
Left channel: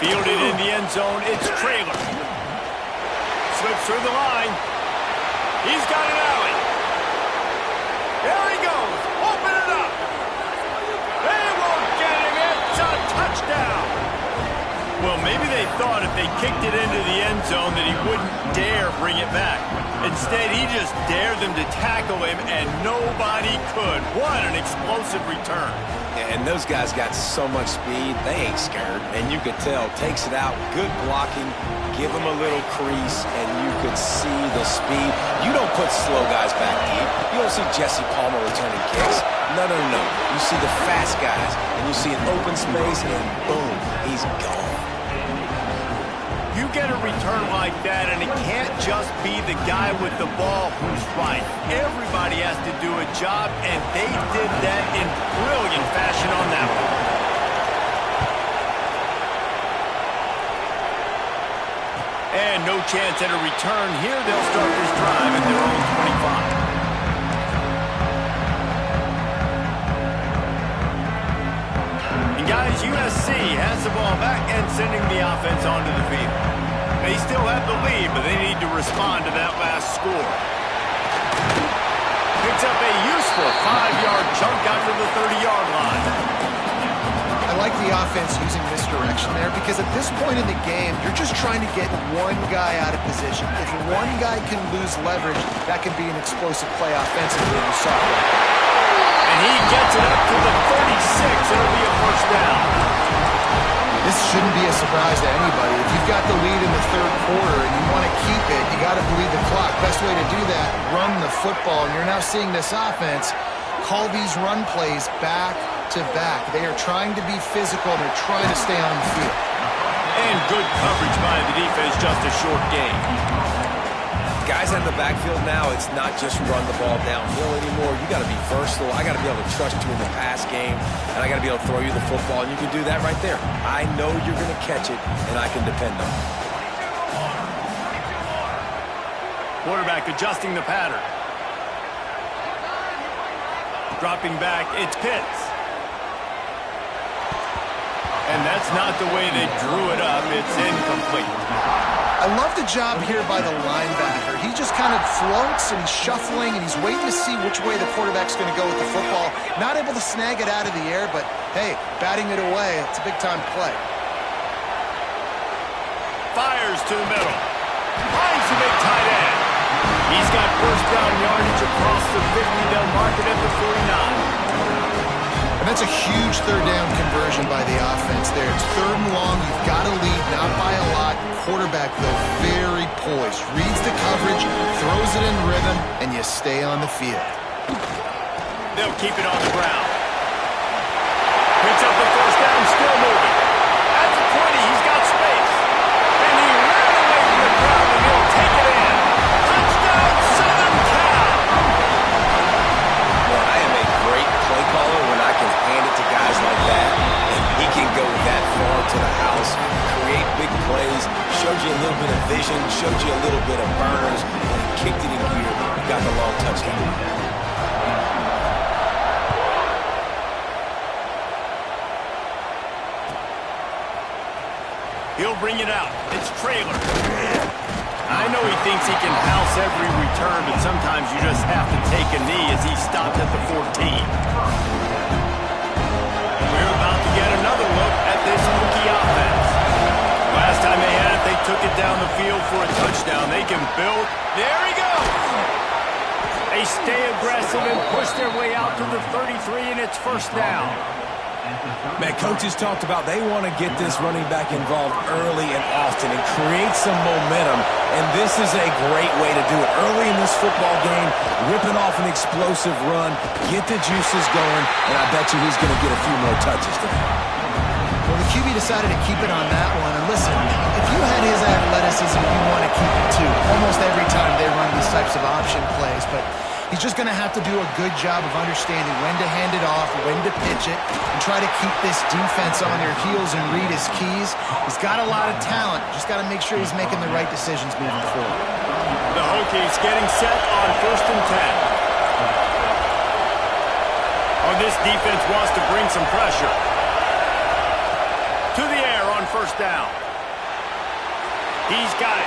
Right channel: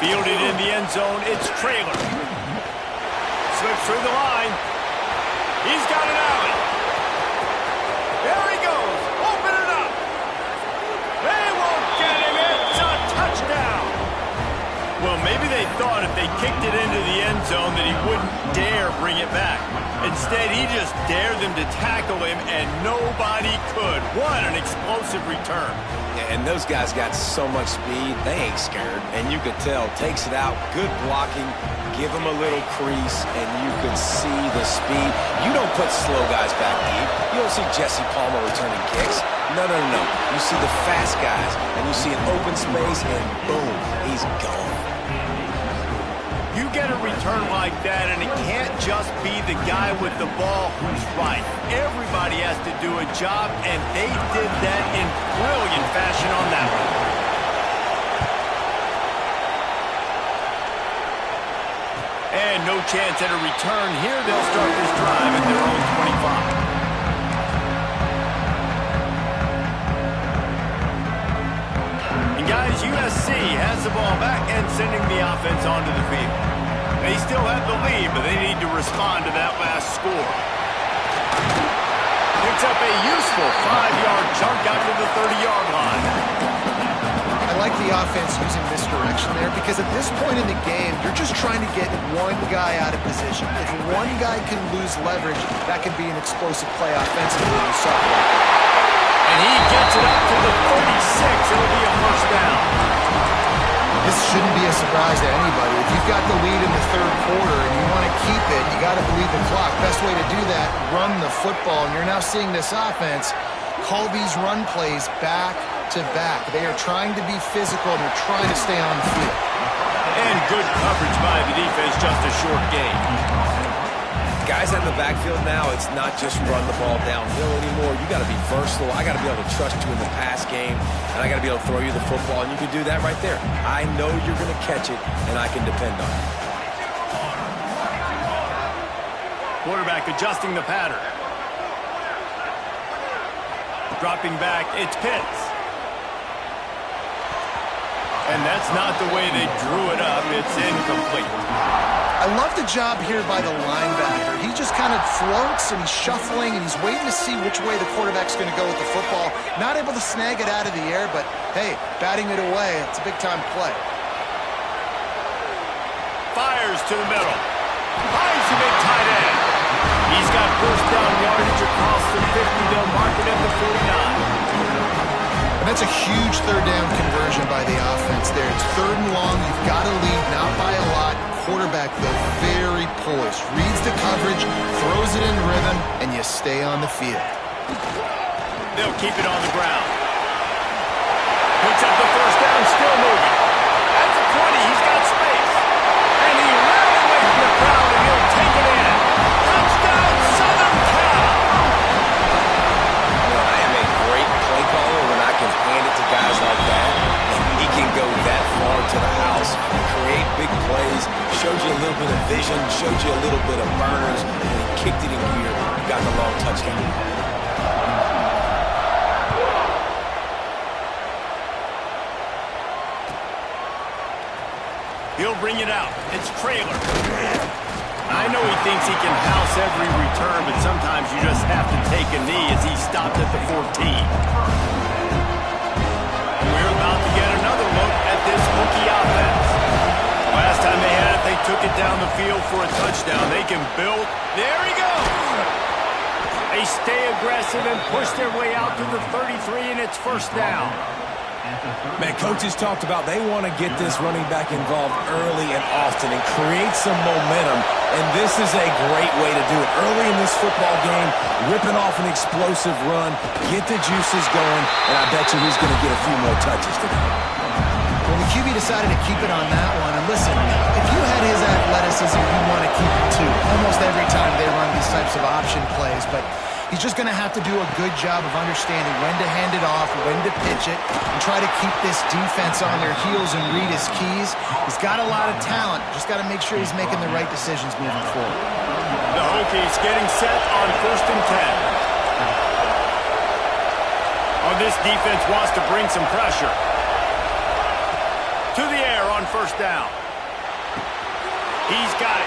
Fielded in the end zone, it's Traylor. Slips through the line. He's got an alley. There he goes. Open it up. They won't get him. It's a touchdown. Well, maybe they thought if they kicked it into the end zone that he wouldn't dare bring it back. Instead, he just dared them to tackle him, and nobody could. What an explosive return. And those guys got so much speed, they ain't scared. And you could tell, takes it out, good blocking, give him a little crease, and you could see the speed. You don't put slow guys back deep. You don't see Jesse Palmer returning kicks. No. You see the fast guys, and you see an open space, and boom, he's gone. You get a return like that, and it can't just be the guy with the ball who's right. Everybody has to do a job, and they did that in brilliant fashion on that one. And no chance at a return here. They'll start this drive at their own 25. Guys, USC has the ball back and sending the offense onto the field. They still have the lead, but they need to respond to that last score. Picks up a useful 5-yard chunk out to the 30-yard line. I like the offense using misdirection there because at this point in the game, you're just trying to get one guy out of position. If one guy can lose leverage, that can be an explosive play offensively, and you saw it. And he gets it up to the 36. It'll be a first down. This shouldn't be a surprise to anybody. If you've got the lead in the third quarter and you want to keep it, you got to bleed the clock. Best way to do that, run the football. And you're now seeing this offense call these run plays back to back. They are trying to be physical, and they're trying to stay on the field. And good coverage by the defense, just a short gain. Guys in the backfield now, it's not just run the ball downhill anymore. You got to be versatile. I got to be able to trust you in the pass game, and I got to be able to throw you the football, and you can do that right there. I know you're going to catch it, and I can depend on it. Quarterback adjusting the pattern. Dropping back, it's Pitts. And that's not the way they drew it up. It's incomplete. I love the job here by the linebacker. He just kind of floats, and he's shuffling, and he's waiting to see which way the quarterback's going to go with the football. Not able to snag it out of the air, but, hey, batting it away, it's a big-time play. Fires to the middle. Finds the big tight end. He's got first down yardage across the 50. They'll mark it at the 49. And that's a huge third down conversion by the offense there. It's third and long. You've got to lead, not by a lot. Quarterback, though, very poised. Reads the coverage, throws it in rhythm, and you stay on the field. They'll keep it on the ground. Picks up the first down, still moving. At the 20, he's got space. And he ran away from the crowd, and he'll take it in. Touchdown, Southern Cal! Well, I am a great play caller when I can hand it to guys like that, and he can go that far to the house, create big plays, showed you a little bit of vision, showed you a little bit of burners, and he kicked it in gear, got the long touchdown. He'll bring it out. It's Trailer. I know he thinks he can house every return, but sometimes you just have to take a knee as he stopped at the 14. And we're about to get another look at this Hokie offense. Last time they had it, they took it down the field for a touchdown. They can build. There he goes. They stay aggressive and push their way out to the 33, and it's first down. Man, coaches talked about they want to get this running back involved early and often and create some momentum, and this is a great way to do it. Early in this football game, ripping off an explosive run, get the juices going, and I bet you he's going to get a few more touches today. Well, the QB decided to keep it on that one. And listen, if you had his athleticism, you'd want to keep it too. Almost every time they run these types of option plays, but he's just going to have to do a good job of understanding when to hand it off, when to pitch it, and try to keep this defense on their heels and read his keys. He's got a lot of talent. Just got to make sure he's making the right decisions moving forward. The Hokies getting set on 1st and 10. Oh, this defense wants to bring some pressure. To the air on first down. He's got it.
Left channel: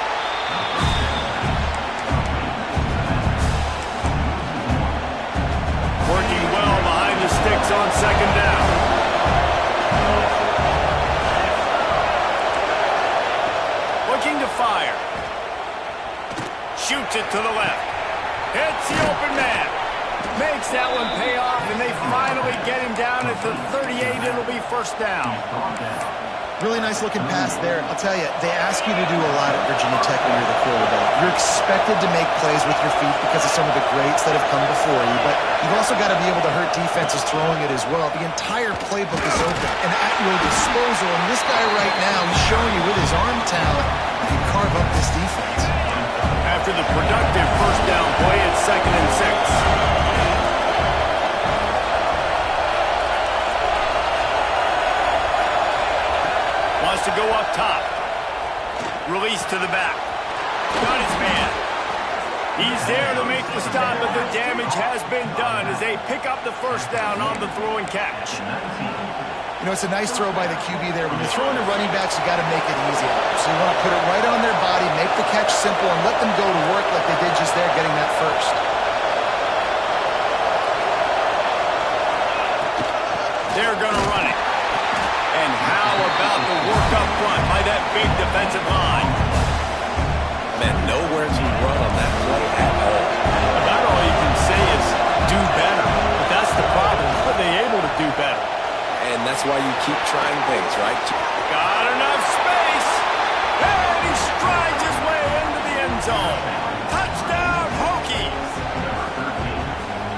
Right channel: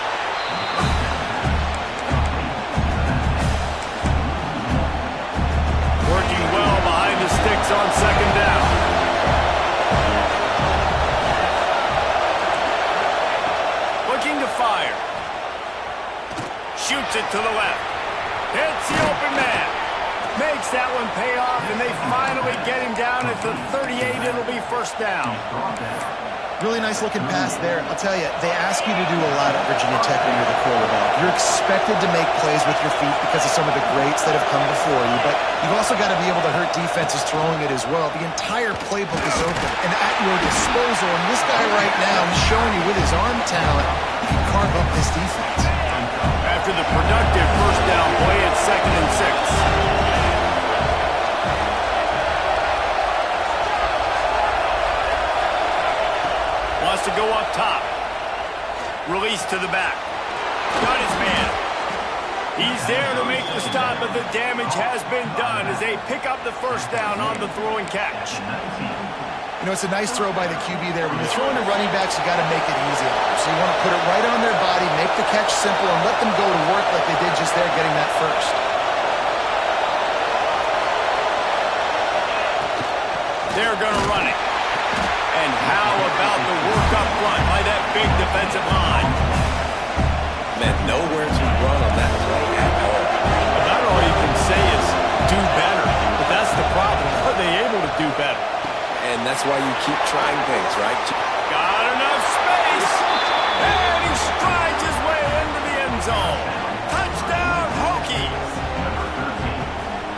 Working well behind the sticks on second down. Looking to fire. Shoots it to the left. Hits the open man. Makes that one pay off, and they finally get him down at the 38. It'll be first down. Really nice looking pass there. I'll tell you, they ask you to do a lot at Virginia Tech when you're the quarterback. You're expected to make plays with your feet because of some of the greats that have come before you, but you've also got to be able to hurt defenses throwing it as well. The entire playbook is open and at your disposal, and this guy right now, he's showing you with his arm talent, he can carve up this defense. After the productive first down play, it's 2nd and 6. Wants to go up top. Release to the back. Got his man. He's there to make the stop, but the damage has been done as they pick up the first down on the throw and catch. You know, it's a nice throw by the QB there. When you're throwing to running backs, you got to make it easy on them. So you want to put it right on their body, make the catch simple, and let them go to work like they did just there, getting that first. They're going to run it. And how about the work up front by that big defensive line? Man, nowhere to run on that play at all. About all you can say is do better. But that's the problem. they able to do better? And that's why you keep trying things, right? Got enough space. And he strides his way into the end zone. Touchdown, Hokies.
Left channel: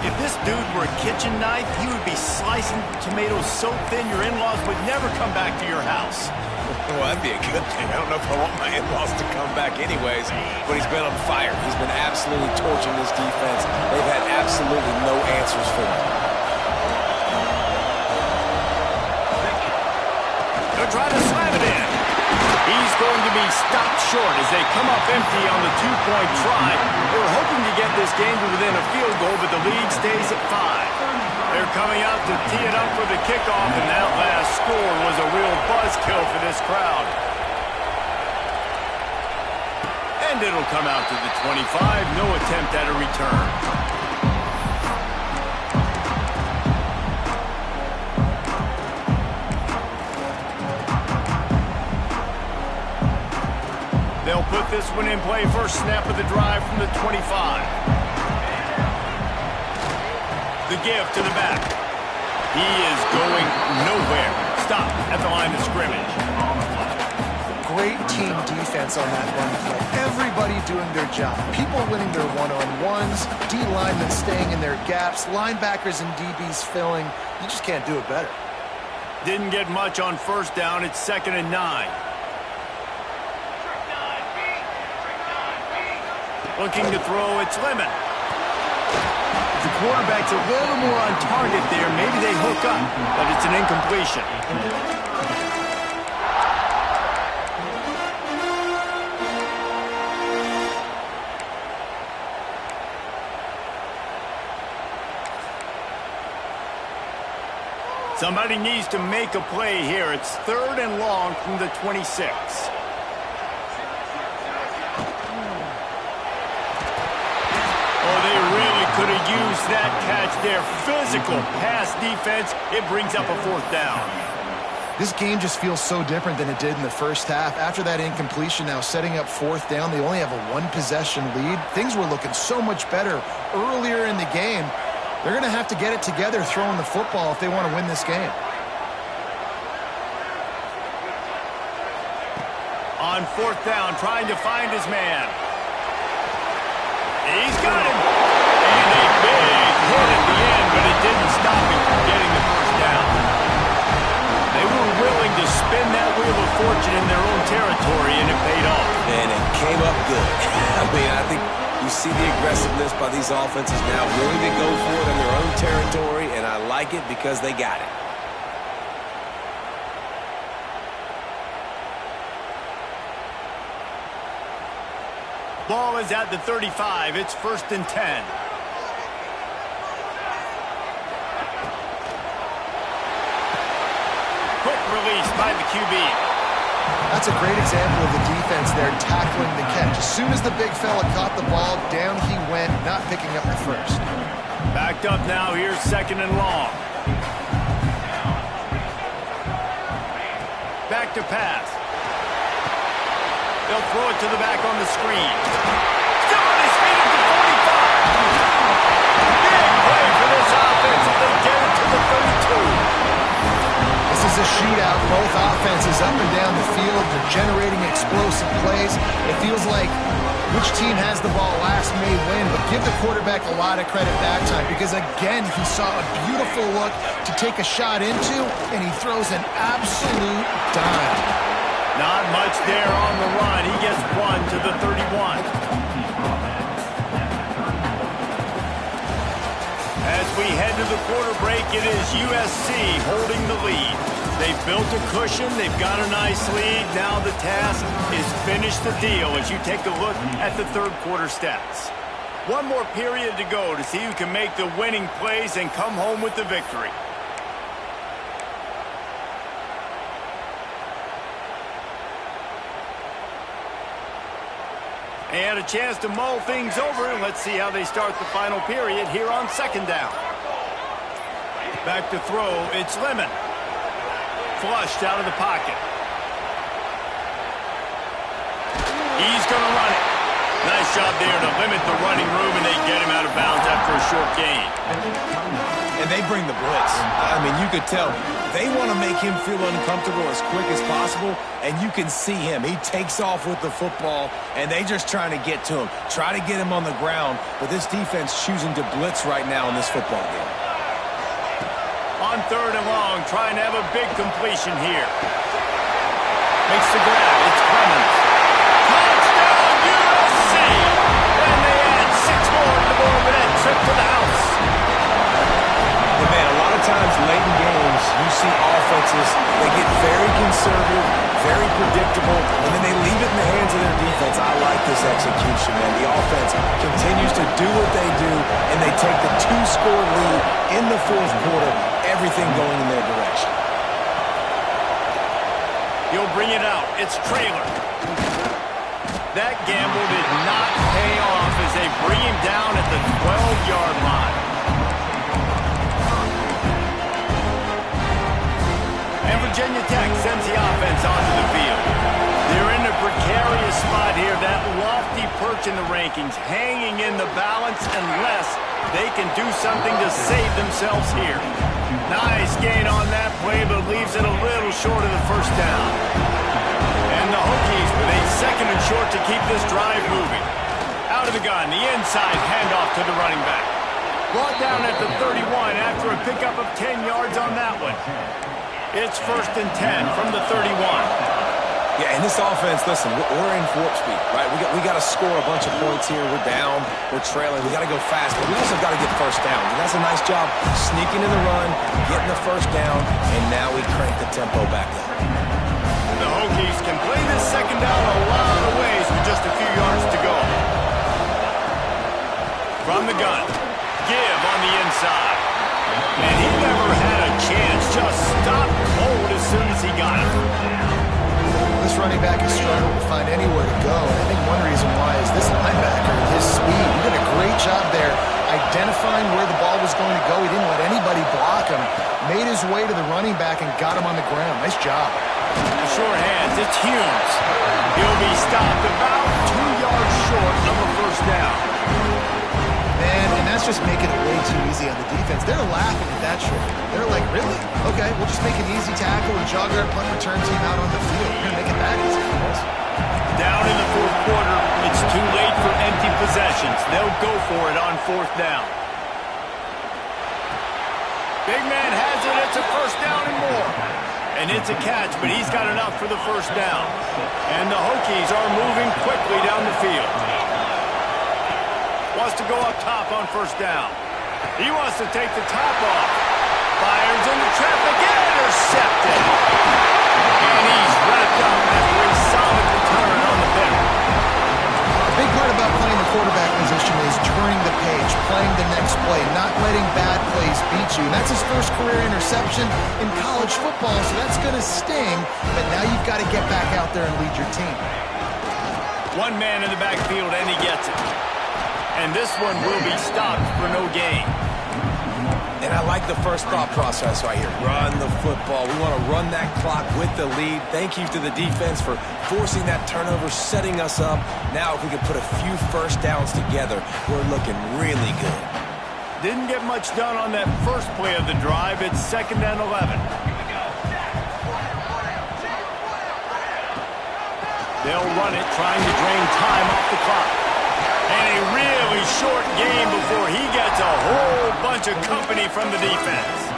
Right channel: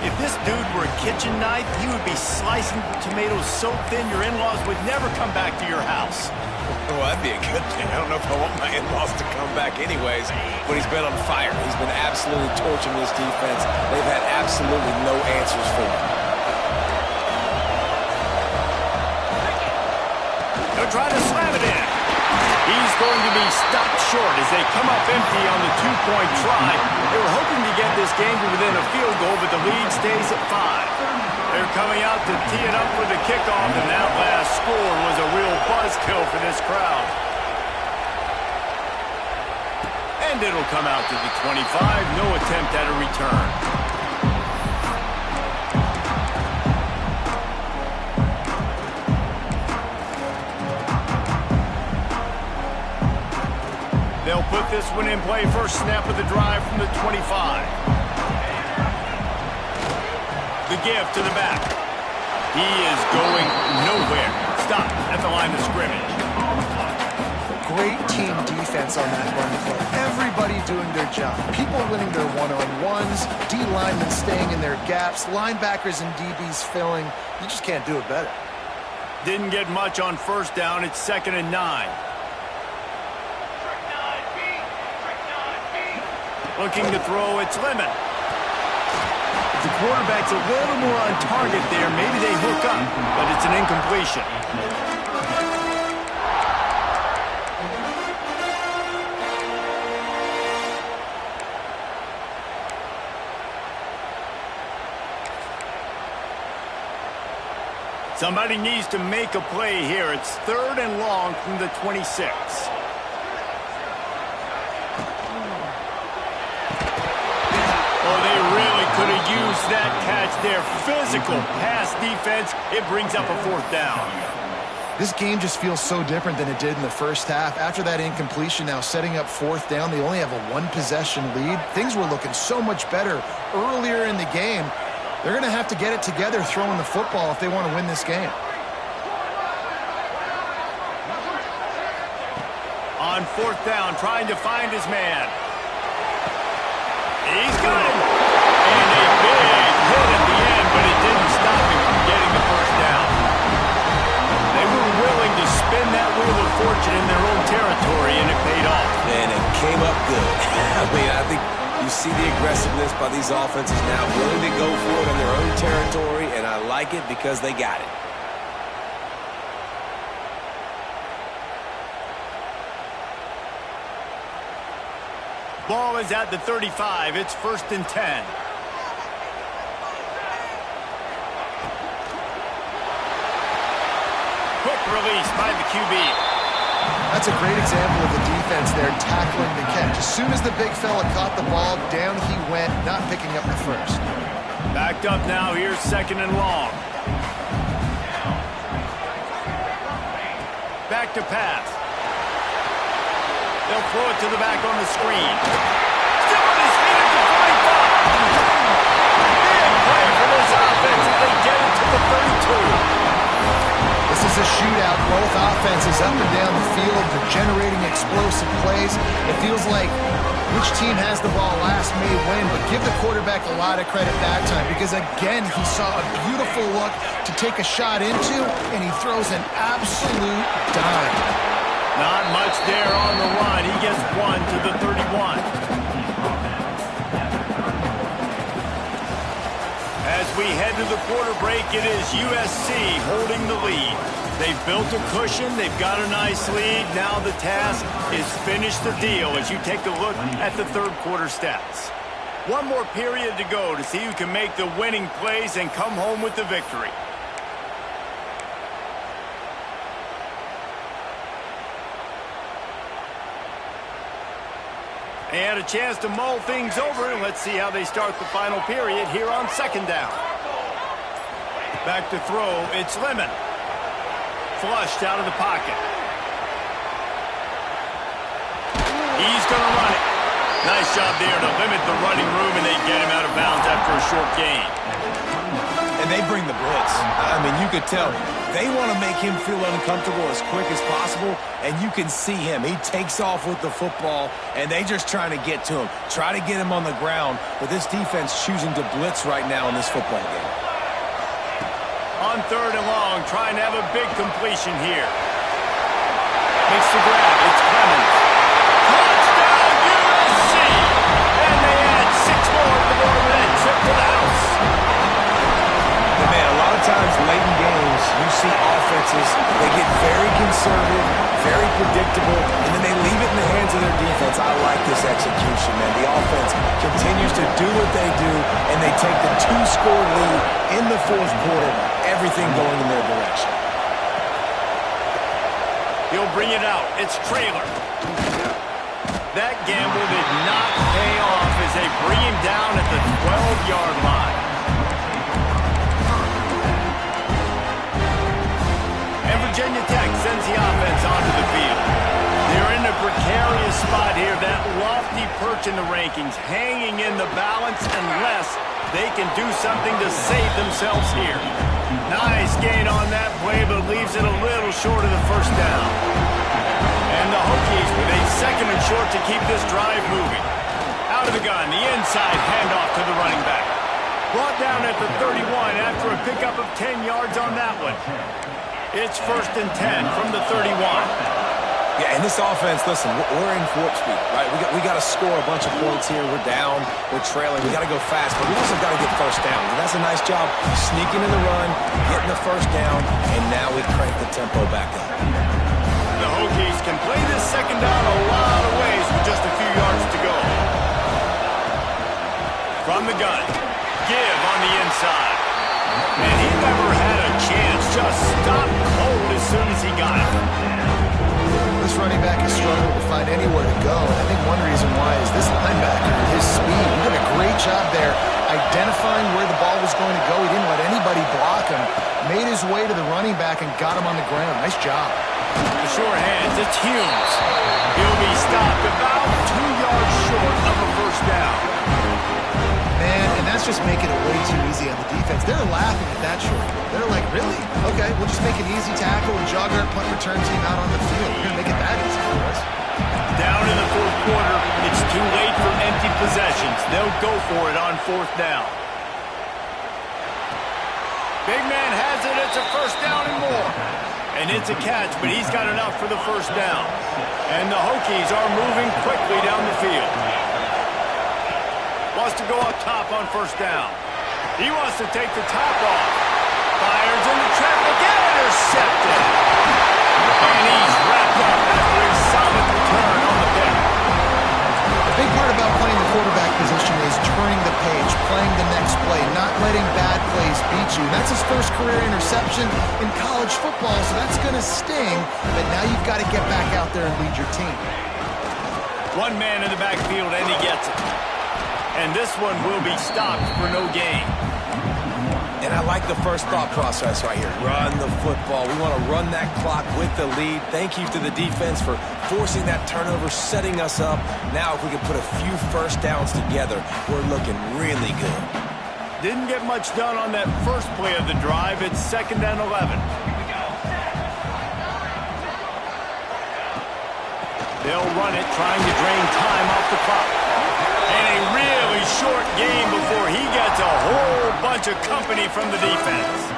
If this dude were a kitchen knife, he would be slicing tomatoes so thin your in-laws would never come back to your house. Well, that'd be a good thing. I don't know if I want my in-laws to come back anyways, but he's been on fire. He's been absolutely torching this defense. They've had absolutely no answers for him. They'll try to slam it in. He's going to be stopped short as they come up empty on the two-point try. They were hoping to get this game to within a field goal, but the lead stays at 5. They're coming out to tee it up for the kickoff, and that last score was a real buzzkill for this crowd. And it'll come out to the 25. No attempt at a return. They'll put this one in play. First snap of the drive from the 25. The give to the back. He is going nowhere. Stop at the line of scrimmage. Great team defense on that run play. Everybody doing their job. People winning their one-on-ones, D linemen staying in their gaps, linebackers and DBs filling. You just can't do it better. Didn't get much on first down. It's 2nd and 9. Looking to throw, it's Lemon. If the quarterback's a little more on target there, maybe they hook up, but it's an incompletion. Somebody needs to make a play here. It's 3rd and long from the 26. Oh, they really could have used that catch there. Physical pass defense. It brings up a 4th down. This game just feels so different than it did in the first half. After that incompletion, now setting up 4th down, they only have a 1-possession lead. Things were looking so much better earlier in the game. They're going to have to get it together throwing the football if they want to win this game. On 4th down, trying to find his man. He's got him. And a big hit at the end, but it didn't stop him from getting the first down. They were willing to spin that wheel of fortune in their own territory, and it paid off. And it came up good. I think you see the aggressiveness by these offenses now, willing to go for it in their own territory, and I like it because they got it. Ball is at the 35. It's 1st and 10. Quick release by the QB. That's a great example of the defense there tackling the catch. As soon as the big fella caught the ball, down he went, not picking up the first. Backed up now. Here's 2nd and long. Back to pass. They'll throw it to the back on the screen. Still on his feet at the 45. Big play for this offense as they get it to the 32. This is a shootout. Both offenses up and down the field. They're generating explosive plays. It feels like which team has the ball last may win, but give the quarterback a lot of credit that time because, again, he saw a beautiful look to take a shot into, and he throws an absolute dime. Not much there on the run. He gets 1 to the 31. As we head to the quarter break, it is USC holding the lead. They've built a cushion. They've got a nice lead. Now the task is finish the deal as you take a look at the 3rd quarter stats. One more period to go to see who can make the winning plays and come home with the victory. And a chance to mull things over. Let's see how they start the final period here on 2nd down. Back to throw. It's Lemon. Flushed out of the pocket. He's going to run it. Nice job there to limit the running room, and they get him out of bounds after a short gain. And they bring the blitz. I mean, you could tell they want to make him feel uncomfortable as quick as possible, and you can see him. He takes off with the football, and they just trying to get to him, try to get him on the ground, but this defense choosing to blitz right now in this football game. On 3rd and long, trying to have a big completion here. Makes the grab. It's Clemens. Touchdown, USC! And they add 6 more to the board with that trip to the house. And man, a lot of times late in games, you see offenses, they get very conservative, very predictable, and then they leave it in the hands of their defense. I like this execution, man. The offense continues to do what they do, and they take the 2-score lead in the 4th quarter, everything going in their direction. He'll bring it out. It's Traylor. That gamble did not pay off as they bring him down at the 12-yard line. And Virginia Tech sends the offense onto the field. They're in a precarious spot here, that lofty perch in the rankings, hanging in the balance unless they can do something to save themselves here. Nice gain on that play, but leaves it a little short of the first down. And the Hokies with a 2nd and short to keep this drive moving. Out of the gun, the inside handoff to the running back. Brought down at the 31 after a pickup of 10 yards on that one. It's 1st and 10 from the 31. Yeah, and this offense, listen, we're in warp speed, right? We got to score a bunch of points here. We're down, we're trailing. We got to go fast, but we also got to get first downs. And that's a nice job sneaking in the run, getting the first down, and now we crank the tempo back up. The Hokies can play this 2nd down a lot of ways with just a few yards to go. From the gun, give on the inside. And he never had a chance, just stopped cold as soon as he got it. This running back has struggled to find anywhere to go, and I think one reason why is this linebacker and his speed. He did a great job there identifying where the ball was going to go. He didn't let anybody block him, made his way to the running back and got him on the ground. Nice job. The short hands, it's Humes. He'll be stopped about 2 yards short of a first down. Man, and that's just making it way too easy on the defense. They're laughing at that short. They're like, really? Okay, we'll just make an easy tackle and jog our punt return team out on the field. We're going to make it that easy for us. Down in the 4th quarter, it's too late for empty possessions. They'll go for it on 4th down. Big man has it. It's a first down and more. And it's a catch, but he's got enough for the first down. And the Hokies are moving quickly down the field. Wants to go up top on first down. He wants to take the top off. Fires into traffic, intercepted. And he's wrapped up after a solid return on the pick. A big part about playing the quarterback position is turning the page, playing the next play, not letting bad plays beat you. And that's his first career interception in college football, so that's going to sting. But now you've got to get back out there and lead your team. One man in the backfield, and he gets it. And this one will be stopped for no gain. And I like the first thought process right here. Run the football. We want to run that clock with the lead. Thank you to the defense for forcing that turnover, setting us up. Now if we can put a few first downs together, we're looking really good. Didn't get much done on that first play of the drive. It's 2nd and 11. They'll run it, trying to drain time off the clock. And a really short game before he gets a whole bunch of company from the defense.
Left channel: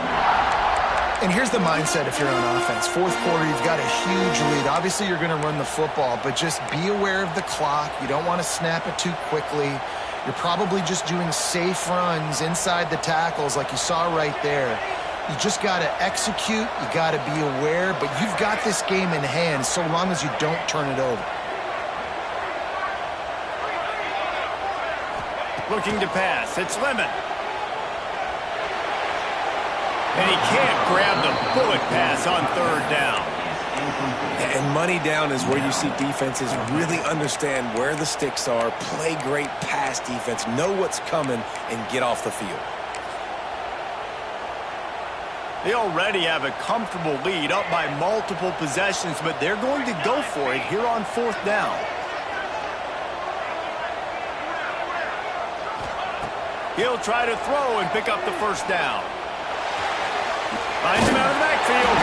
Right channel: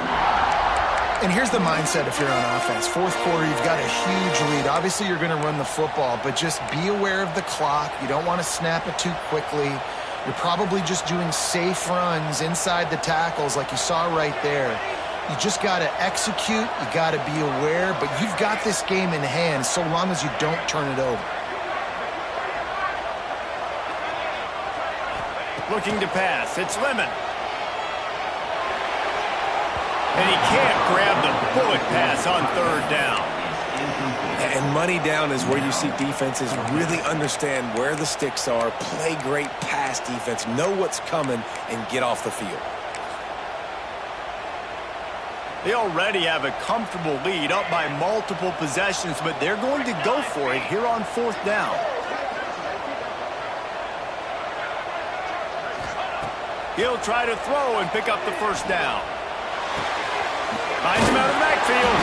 And here's the mindset if you're on offense. 4th quarter, you've got a huge lead. Obviously, you're going to run the football, but just be aware of the clock. You don't want to snap it too quickly. You're probably just doing safe runs inside the tackles like you saw right there. You just got to execute. You got to be aware, but you've got this game in hand so long as you don't turn it over. Looking to pass. It's Lemon. And he can't grab the bullet pass on 3rd down. And money down is where you see defenses really understand where the sticks are, play great pass defense, know what's coming, and get off the field. They already have a comfortable lead up by multiple possessions, but they're going to go for it here on 4th down. He'll try to throw and pick up the first down. Finds him out of the backfield.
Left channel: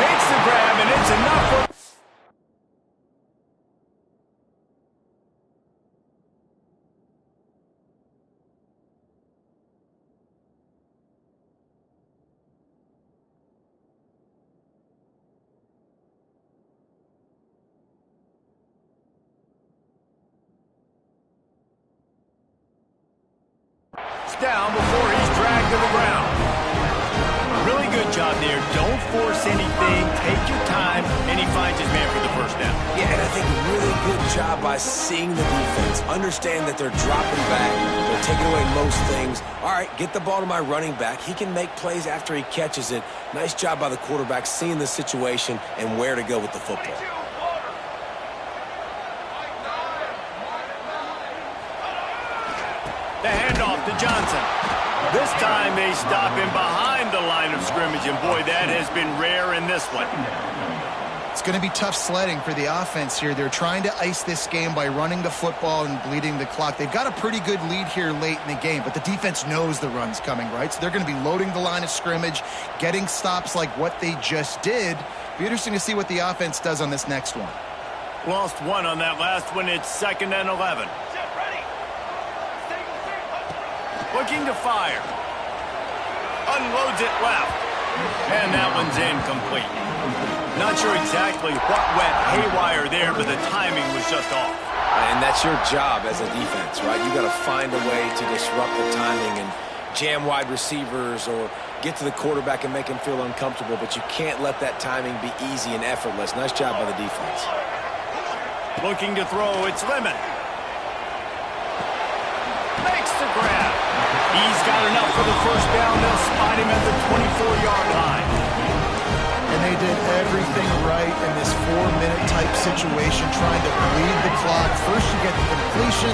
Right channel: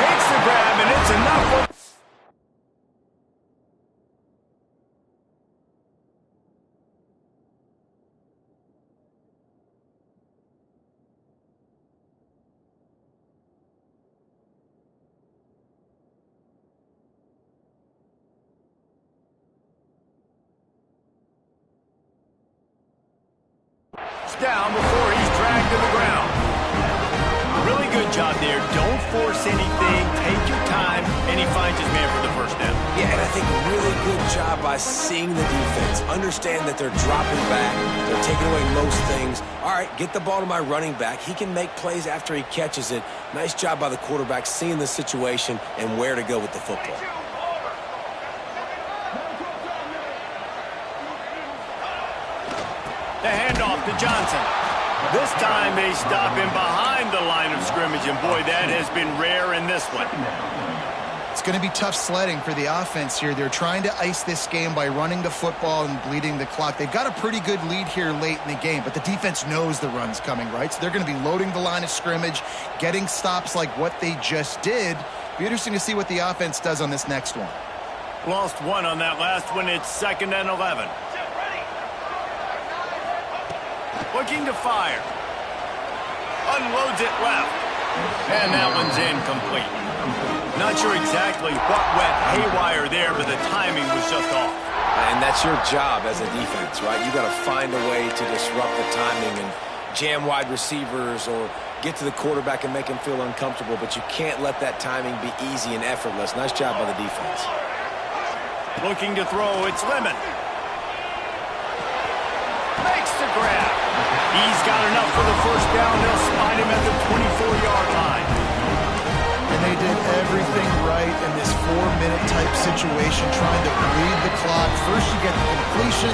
Makes the grab, and it's enough for... down before he's dragged to the ground. Really good job there. Don't force anything. Take your time, and he finds his man for the first down. Yeah, and I think a really good job by seeing the defense. Understand that they're dropping back. They're taking away most things. All right, get the ball to my running back. He can make plays after he catches it. Nice job by the quarterback seeing the situation and where to go with the football. The handoff to Johnson. This time they stop him behind the line of scrimmage, and boy, that has been rare in this one. It's going to be tough sledding for the offense here. They're trying to ice this game by running the football and bleeding the clock. They've got a pretty good lead here late in the game, but the defense knows the run's coming, right? So they're going to be loading the line of scrimmage, getting stops like what they just did. Be interesting to see what the offense does on this next one. Lost one on that last one. It's 2nd and 11. Looking to fire. Unloads it left. And that one's incomplete. Not sure exactly what went haywire there, but the timing was just off. And that's your job as a defense, right? You got to find a way to disrupt the timing and jam wide receivers or get to the quarterback and make him feel uncomfortable, but you can't let that timing be easy and effortless. Nice job by the defense. Looking to throw, it's Lemon. Makes the grab. He's got enough for the first down. They'll spot him at the 24-yard line. And they did everything right in this 4-minute type situation, trying to bleed the clock. First you get the completion,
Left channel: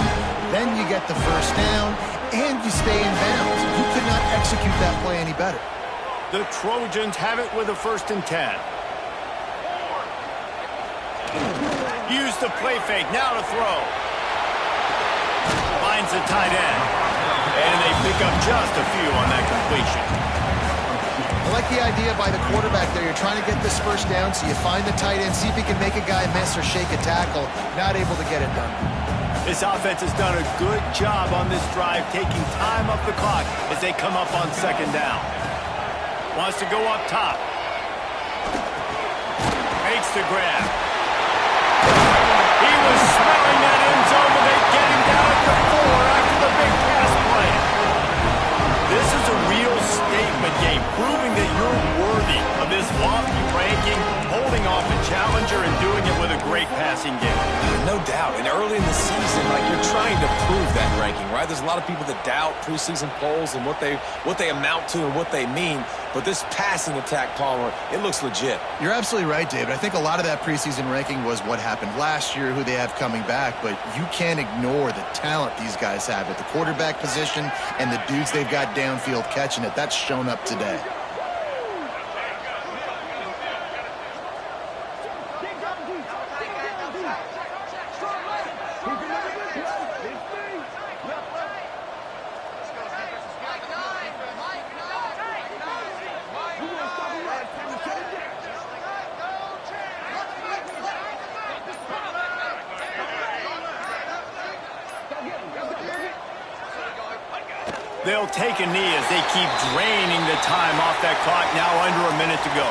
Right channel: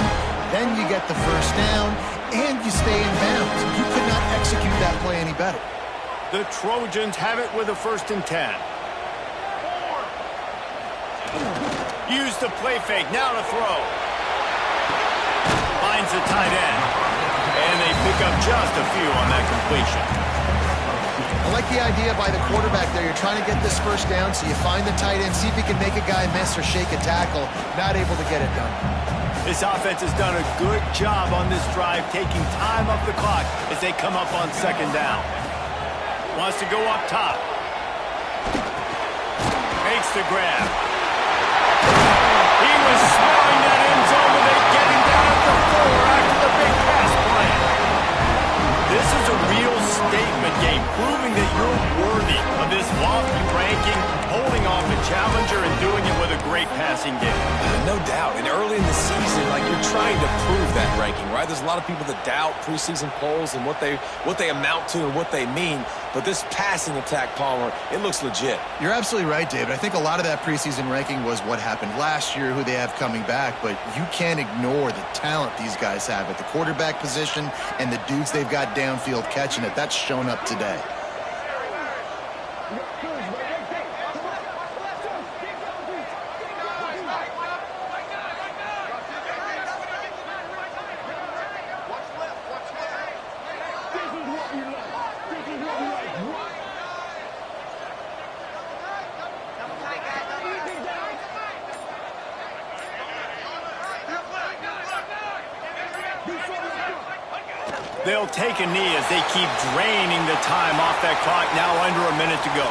then you get the first down, and you stay in bounds. You could not execute that play any better. The Trojans have it with a 1st and 10. Use the play fake. Now to throw. Finds the tight end. And they pick up just a few on that completion. I like the idea by the quarterback there. You're trying to get this first down, so you find the tight end, see if he can make a guy miss or shake a tackle. Not able to get it done. This offense has done a good job on this drive, taking time off the clock as they come up on 2nd down. Wants to go up top. Makes the grab. He was smelling that end zone, but they get him down at the 4 after the big pass play. This is a real statement game, proving that you're worthy of this lofty ranking, holding off a challenger and doing it with a great passing game. No doubt. And early in the season, like, you're trying to prove that ranking, right? There's a lot of people that doubt preseason polls and what they amount to and what they mean. But this passing attack, Palmer, it looks legit. You're absolutely right, David. I think a lot of that preseason ranking was what happened last year, who they have coming back. But you can't ignore the talent these guys have at the quarterback position and the dudes they've got downfield catching it. That's shown up today. They'll take a knee as they keep draining the time off that clock. Now under a minute to go.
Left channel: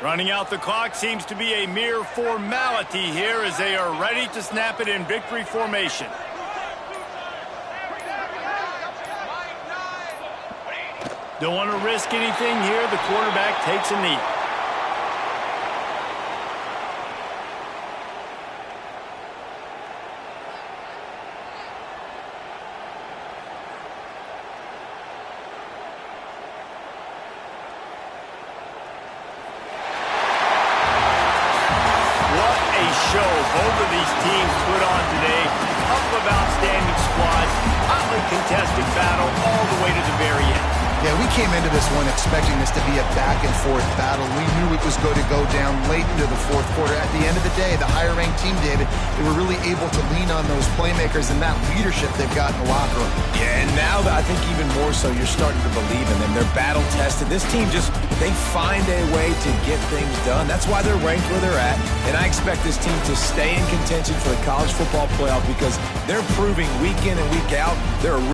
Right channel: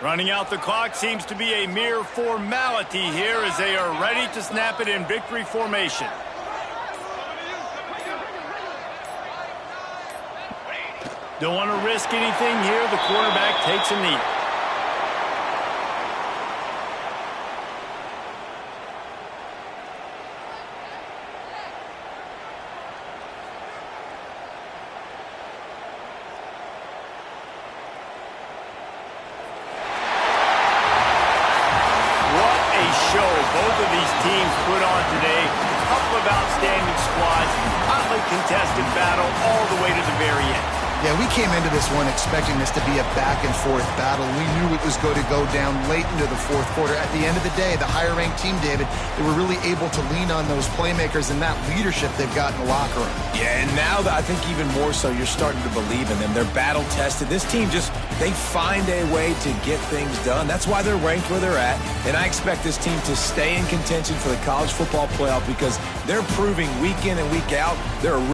Running out the clock seems to be a mere formality here as they are ready to snap it in victory formation. Don't want to risk anything here. The quarterback takes a knee. Show both of these teams put on today. A couple of outstanding squads, hotly contested battle all the way to the very end. Yeah, we came into this one expecting this to be a back-and-forth battle. We knew it was going to go down late into the fourth quarter. At the end of the day, the higher-ranked team, David, they were really able to lean on those playmakers and that leadership they've got in the locker room. Yeah, and now I think even more so, you're starting to believe in them. They're battle-tested. This team they find a way to get things done. That's why they're ranked where they're at. And I expect this team to stay in contention for the college football playoff because they're proving week in and week out they're a